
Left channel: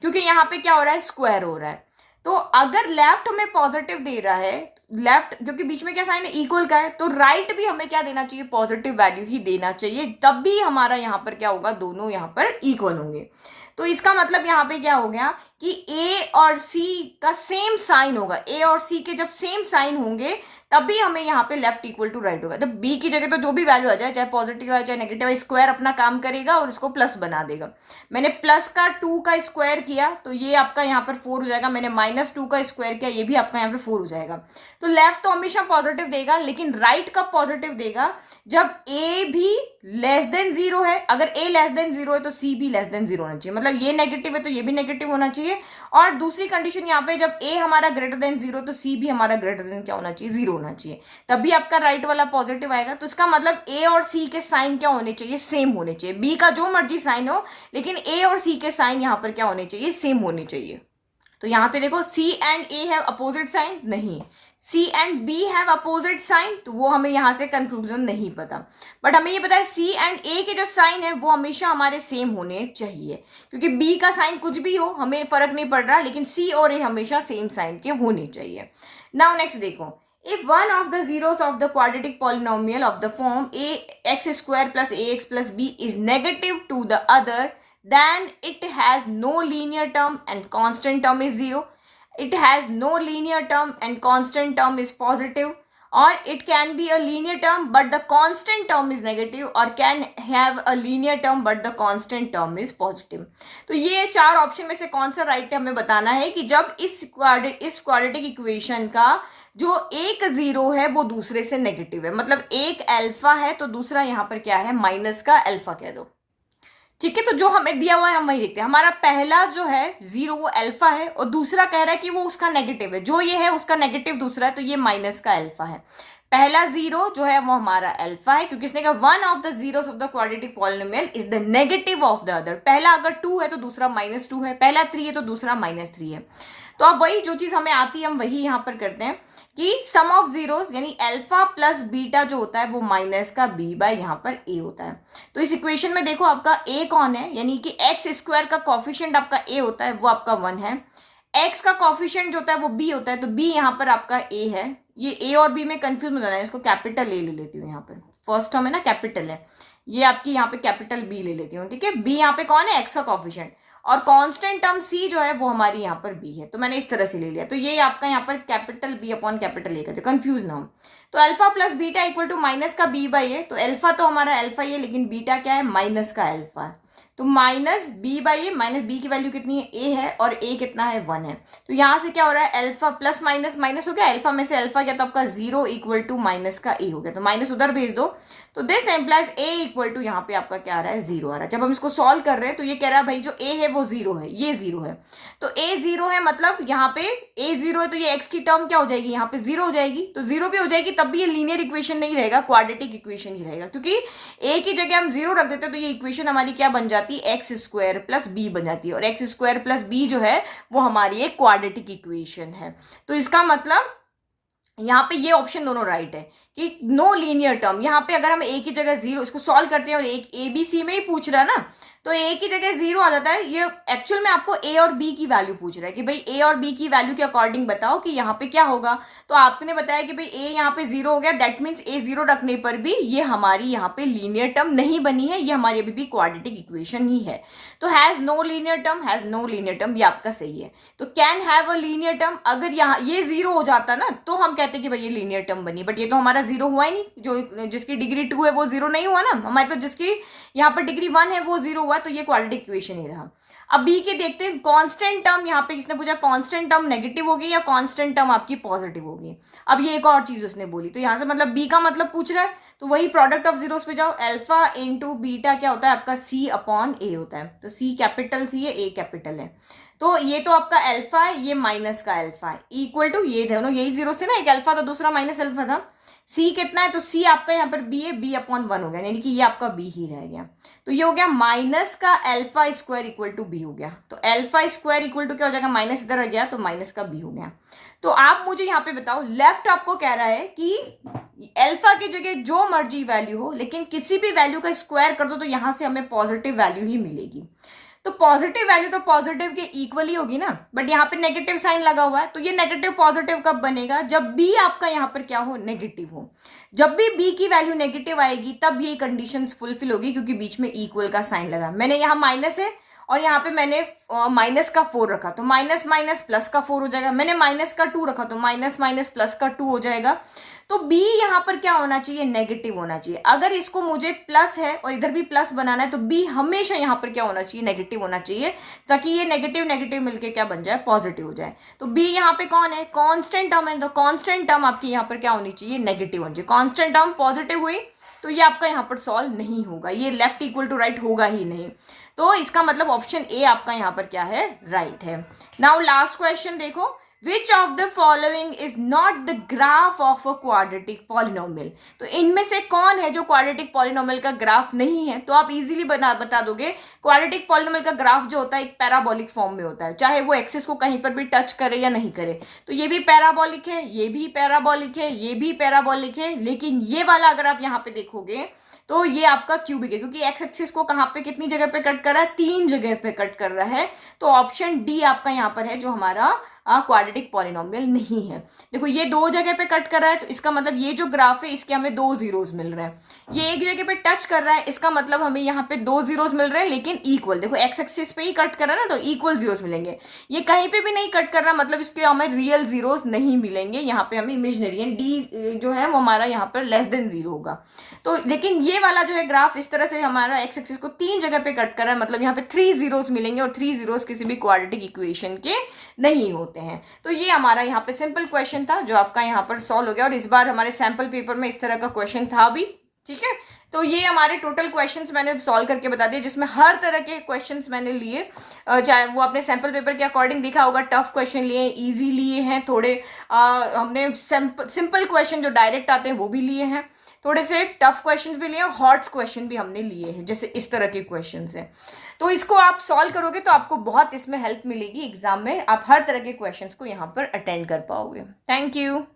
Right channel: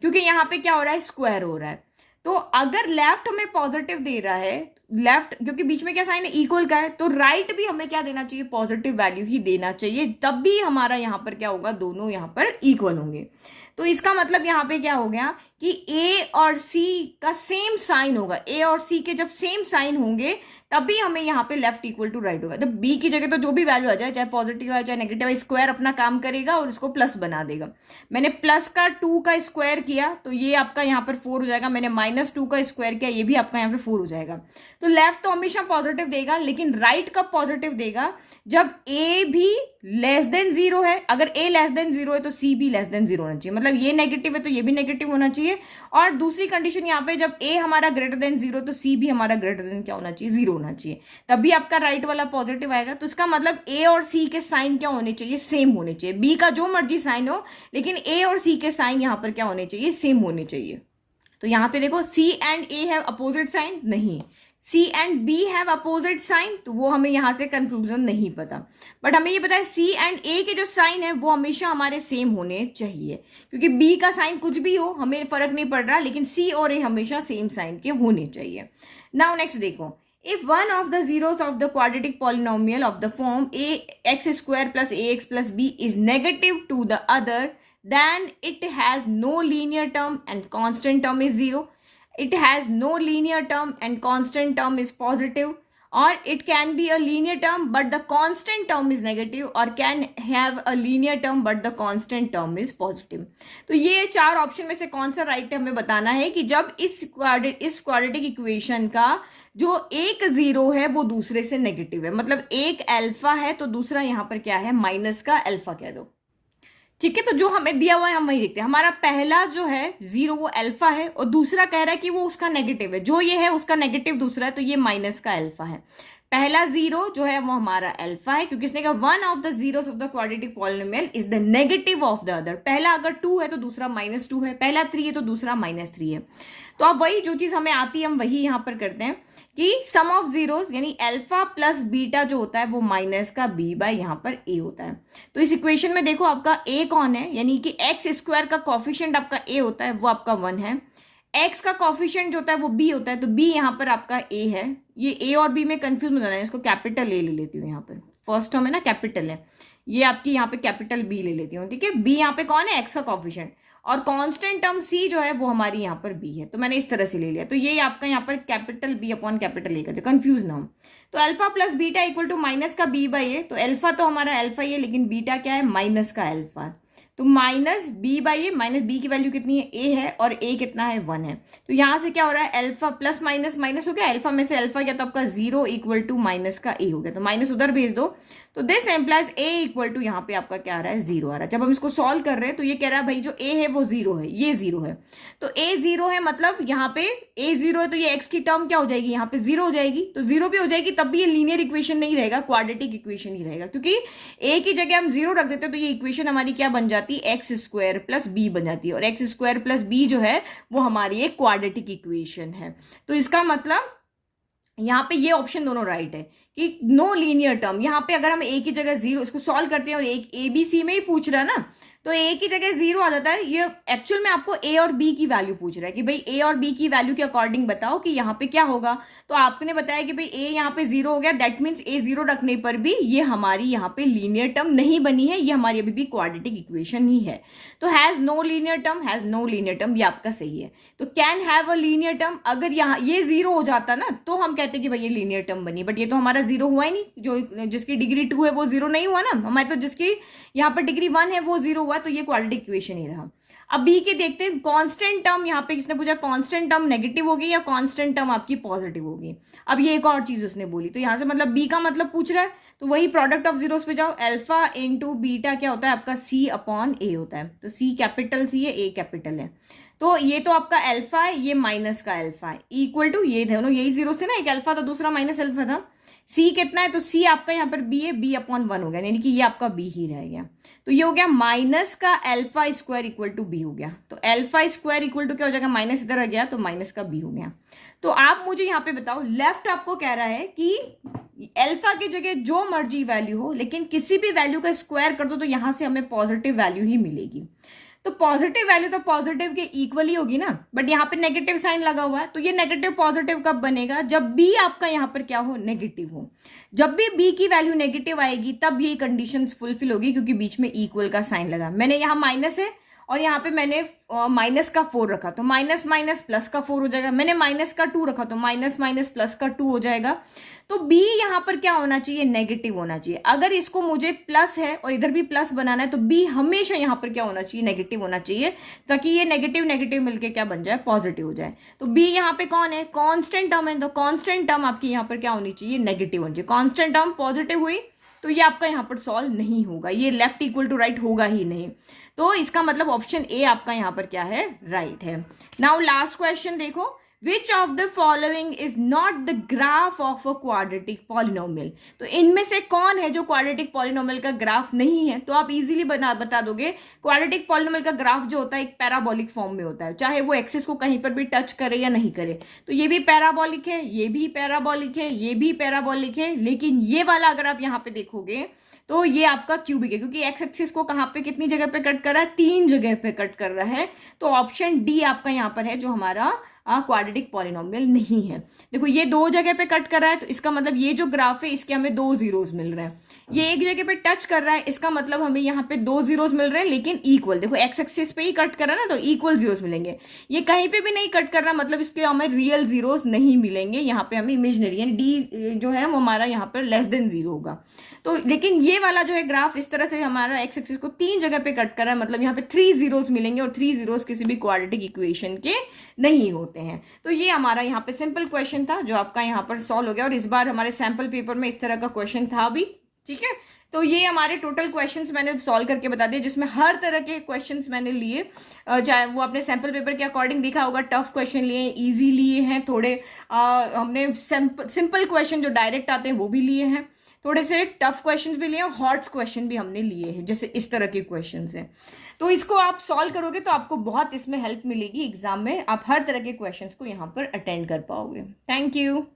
क्योंकि यहां पे क्या हो रहा है, स्क्वायर हो रहा है। तो अगर लेफ्ट हमें पॉजिटिव दे रहा है, लेफ्ट क्योंकि बीच में क्या साइन है, इक्वल का है, तो राइट भी हमें क्या देना चाहिए, पॉजिटिव वैल्यू ही देना चाहिए, तब भी हमारा यहां पर क्या होगा, दोनों यहां पर इक्वल होंगे। तो इसका मतलब यहाँ पे क्या हो गया कि ए और सी का सेम साइन होगा, ए और सी के जब सेम साइन होंगे तभी हमें यहाँ पे लेफ्ट इक्वल टू राइट होगा। तो बी की जगह तो जो भी वैल्यू आ जाए, चाहे पॉजिटिव आए चाहे नेगेटिव आए, स्क्वायर अपना काम करेगा और इसको प्लस बना देगा। मैंने प्लस का 2 का स्क्वायर किया तो ये आपका यहाँ पर 4 हो जाएगा, मैंने माइनस 2 का स्क्वायर किया, ये भी आपका यहाँ पे 4 हो जाएगा। तो लेफ्ट तो हमेशा पॉजिटिव देगा, लेकिन राइट कब पॉजिटिव देगा, जब ए भी लेस देन 0 है। अगर ए लेस देन 0 है तो सी भी लेस देन 0 होना चाहिए, मतलब ये नेगेटिव है तो ये भी नेगेटिव होना चाहिए। और दूसरी कंडीशन यहाँ पे जब ए हमारा ग्रेटर देन 0 तो सी भी हमारा ग्रेटर देन क्या होना चाहिए, 0 होना चाहिए, तभी आपका राइट वाला पॉजिटिव आएगा। तो इसका मतलब ए और सी के साइन क्या होने चाहिए, सेम होने चाहिए। बी का जो मर्जी साइन हो, लेकिन ए और सी के साइन यहाँ पर क्या होने चाहिए, सेम होने चाहिए। तो यहाँ पे देखो C and A have opposite sign, नहीं, C and B have opposite sign, तो वो हमें यहां से कंक्लूजन नहीं पता। बट हमें ये पता है सी एंड ए के जो साइन है वो हमेशा हमारे सेम होने चाहिए, क्योंकि बी का साइन कुछ भी हो हमें फर्क नहीं पड़ रहा, लेकिन सी और ए हमेशा सेम साइन के होने चाहिए। नाउ नेक्स्ट देखो, if one of the zeros of the quadratic polynomial of the form ax square plus ax plus b is negative to the other, then it has no linear term and constant term is 0. It has no linear term and constant term is positive, or it can be a linear term but the constant term is negative, or can have a linear term but the constant term is positive. तो ये चार option में से कौन सा right है हमें बताना है कि जब इस क्वाड्रेटिक इक्वेशन का जो एक जीरो है वो दूसरे से नेगेटिव है, मतलब एक अल्फा है तो दूसरा यहाँ पर क्या है, माइनस का अल्फा कह दो। ठीक है, तो जो हमें दिया हुआ है हम वही देखते हैं। हमारा पहला जो है जीरो वो अल्फा है और दूसरा कह रहा है कि वो उसका नेगेटिव है, जो ये है उसका नेगेटिव दूसरा है, तो ये माइनस का अल्फा है। पहला जीरो जो है वो हमारा अल्फा है, क्योंकि इसने कहा one of the zeros of the quadratic polynomial is the negative of the other. पहला अगर 2 है तो दूसरा -2 है, पहला 3 है तो दूसरा -3 है। तो अब वही जो चीज हमें आती है हम वही यहां पर करते हैं कि सम ऑफ जीरोस यानी अल्फा प्लस बीटा जो होता है वो माइनस का बी बाय यहाँ पर ए होता है। तो इस इक्वेशन में देखो आपका ए कौन है, यानी कि एक्स स्क्वायर का कॉफिशिएंट आपका ए होता है, वो आपका 1 है। एक्स का कॉफिशिएंट जो होता है वो बी होता है, तो बी यहाँ पर आपका ए है। ये ए और बी में कंफ्यूज हो जाना है, इसको कैपिटल ए ले लेती हूँ यहाँ पर, फर्स्ट टर्म है ना कैपिटल है, ये आपकी यहाँ पे कैपिटल बी ले लेती हूँ। ठीक है, बी यहाँ पे कौन है, एक्स का कॉफिशिएंट, और कांस्टेंट टर्म सी जो है वो हमारी यहाँ पर बी है, तो मैंने इस तरह से ले लिया। तो ये आपका यहाँ पर capital B upon capital A करते, कंफ्यूज ना हो। तो alpha plus beta equal to minus का बी बाई ए, तो अल्फा तो हमारा अल्फा ही है, लेकिन बीटा क्या है, माइनस का अल्फा है, तो minus B by A, minus B की वैल्यू कितनी है, ए है, और ए कितना है, 1 है। तो यहां से क्या हो रहा है, अल्फा प्लस माइनस माइनस हो गया, अल्फा में से अल्फा गया तो आपका 0 इक्वल टू माइनस का ए हो गया, तो माइनस उधर भेज दो, तो this implies A equal to यहाँ पे आपका क्या आ रहा है, 0 आ रहा है। जब हम इसको सॉल्व कर रहे हैं तो ये कह रहा है भाई जो ए है वो 0 है, ये 0 है, तो ए 0 है, मतलब यहाँ पे ए 0 है तो ये एक्स की टर्म क्या हो जाएगी, यहाँ पे 0 हो जाएगी, तो 0 भी हो जाएगी, तब भी ये लीनियर इक्वेशन नहीं रहेगा, क्वाड्रेटिक इक्वेशन ही रहेगा, क्योंकि ए की जगह हम 0 रख देते हैं तो ये इक्वेशन हमारी क्या बन जाती है, एक्स स्क्वायर प्लस बी बन जाती है, और एक्स स्क्वायर प्लस बी जो है वो हमारी एक क्वाड्रेटिक इक्वेशन है। तो इसका मतलब यहाँ पे ये ऑप्शन दोनों राइट है कि नो लीनियर टर्म। यहाँ पे अगर हम ए की जगह 0 इसको सॉल्व करते हैं और एक ए बी सी में ही पूछ रहा है ना, तो ए की जगह 0 आ जाता है। ये एक्चुअल में आपको ए और बी की वैल्यू पूछ रहा है कि भाई ए और बी की वैल्यू के अकॉर्डिंग बताओ कि यहाँ पे क्या होगा। तो आपने बताया कि भाई ए यहाँ पे 0 हो गया, दैट मीन्स ए 0 रखने पर भी ये हमारी यहाँ पे लीनियर टर्म नहीं बनी है, ये हमारी अभी भी क्वाड्रेटिक इक्वेशन ही है। तो has no linear term, has no linear term, ये आपका सही है। तो can have a linear term, अगर यहाँ ये 0 हो जाता ना तो हम कहते कि भाई ये लीनियर टर्म बनी, बट ये तो हमारा 0 हुआ ही नहीं। जो जिसकी डिग्री 2 है वो 0 नहीं हुआ ना, हमारे तो जिसकी यहाँ पर डिग्री 1 है वो 0 हुआ, तो ये क्वाड्रेटिक इक्वेशन ही रहा। अब बी के देखते हैं, कांस्टेंट टर्म यहाँ पे किसने पूछा, कांस्टेंट टर्म नेगेटिव होगी या कांस्टेंट टर्म आपकी पॉजिटिव होगी। अब ये एक और चीज उसने बोली, तो यहाँ से मतलब बी का मतलब पूछ रहा है, तो वही प्रोडक्ट ऑफ जीरोस पे जाओ, अल्फा इंटू बीटा क्या होता है आपका सी अपॉन ए होता है। तो सी कैपिटल सी है, ए कैपिटल है, तो ये तो आपका अल्फा है, ये माइनस का अल्फा है, इक्वल टू ये दोनों यही जीरोस थे ना, एक अल्फा था दूसरा माइनस अल्फा था। सी कितना है, तो सी आपका यहाँ पर बी है, बी अपॉन 1 हो गया, यानी कि ये आपका बी ही रह गया। तो ये हो गया माइनस का alpha square equal to B हो गया। तो अल्फा स्क्वायर इक्वल टू क्या हो जाएगा, माइनस इधर आ गया तो माइनस का बी हो गया। तो आप मुझे यहाँ पे बताओ, लेफ्ट आपको कह रहा है कि अल्फा की जगह जो मर्जी वैल्यू हो, लेकिन किसी भी वैल्यू का स्क्वायर कर दो तो यहां से हमें पॉजिटिव वैल्यू ही मिलेगी। तो पॉजिटिव वैल्यू तो पॉजिटिव के इक्वल ही होगी ना, बट यहाँ पे नेगेटिव साइन लगा हुआ है, तो ये नेगेटिव पॉजिटिव कब बनेगा, जब बी आपका यहाँ पर क्या हो, नेगेटिव हो। जब भी बी की वैल्यू नेगेटिव आएगी तब ये कंडीशंस फुलफिल होगी, क्योंकि बीच में इक्वल का साइन लगा। मैंने यहाँ माइनस है और यहाँ पे मैंने माइनस का 4 रखा, तो माइनस माइनस प्लस का 4 हो जाएगा। मैंने माइनस का 2 रखा, तो माइनस माइनस प्लस का 2 हो जाएगा। तो b यहाँ पर क्या होना चाहिए, नेगेटिव होना चाहिए। अगर इसको मुझे प्लस है और इधर भी प्लस बनाना है तो b हमेशा यहाँ पर क्या होना चाहिए, नेगेटिव होना चाहिए, ताकि ये नेगेटिव नेगेटिव मिलके क्या बन जाए, पॉजिटिव हो जाए। तो b यहाँ पे कौन है, कांस्टेंट टर्म है, तो कांस्टेंट टर्म आपकी यहाँ पर क्या होनी चाहिए, नेगेटिव होनी चाहिए। कांस्टेंट टर्म पॉजिटिव हुई तो ये आपका यहाँ पर सॉल्व नहीं होगा, ये लेफ्ट इक्वल टू राइट होगा ही नहीं। तो इसका मतलब ऑप्शन ए आपका यहाँ पर क्या है, राइट है। नाउ लास्ट क्वेश्चन देखो, which of the following is not the graph of a quadratic polynomial. तो इनमें से कौन है जो क्वाड्रेटिक पॉलिनोमियल का ग्राफ नहीं है। तो आप इजीली बता दोगे, क्वाड्रेटिक पॉलिनोमियल का ग्राफ जो होता है एक पैराबोलिक फॉर्म में होता है, चाहे वो एक्सिस को कहीं पर भी टच करे या नहीं करे। तो ये भी पैराबोलिक है, ये भी पैराबोलिक है, ये भी पैराबोलिक है, लेकिन ये वाला अगर आप यहाँ पे देखोगे तो ये आपका क्यूबिक है, क्योंकि एक्स एक्सिस को कहाँ पे कितनी जगह पे कट कर रहा है, 3 जगह पे कट कर रहा है। तो ऑप्शन डी आपका यहाँ पर है जो हमारा क्वाड्रेटिक पॉलिनोमियल नहीं है। देखो ये 2 जगह पे कट कर रहा है, तो इसका मतलब ये जो ग्राफ है इसके हमें 2 जीरोस मिल रहे हैं। ये एक जगह पे टच कर रहा है, इसका मतलब हमें यहाँ पे 2 जीरोस मिल रहे हैं, लेकिन इक्वल। देखो एक्स एक्सिस पे ही कट कर रहा है ना, तो इक्वल जीरोस मिलेंगे। ये कहीं पे भी नहीं कट कर रहा, मतलब इसके हमें रियल जीरोस नहीं मिलेंगे, यहाँ पे हमें इमेजिनरी है। डी जो है वो हमारा यहाँ पर लेस देन 0 होगा। तो लेकिन ये वाला जो है ग्राफ इस तरह से हमारा एक्स एक्सिस को 3 जगह पे कट कर रहा है, मतलब यहाँ पे 3 जीरोस मिलेंगे, और 3 जीरोस किसी भी क्वाड्रेटिक इक्वेशन के नहीं होते हैं। तो ये हमारा यहाँ पे सिंपल क्वेश्चन था जो आपका यहाँ पर सॉल्व हो गया, और इस बार हमारे सैंपल पेपर में इस तरह का क्वेश्चन था भी, ठीक है। तो ये हमारे टोटल क्वेश्चंस मैंने सॉल्व करके बता दिए, जिसमें हर तरह के क्वेश्चंस मैंने लिए, चाहे वो अपने सैंपल पेपर के अकॉर्डिंग दिखा होगा। टफ क्वेश्चन लिए, इजी लिए हैं थोड़े, हमने सिंपल क्वेश्चन जो डायरेक्ट आते हैं वो भी लिए हैं, थोड़े से टफ क्वेश्चंस भी लिए, और हॉट क्वेश्चन भी हमने लिए हैं, जैसे इस तरह के क्वेश्चंस हैं। तो इसको आप सॉल्व करोगे तो आपको बहुत इसमें हेल्प मिलेगी एग्जाम में, आप हर तरह के क्वेश्चंस को यहाँ पर अटेंड कर पाओगे। Thank you.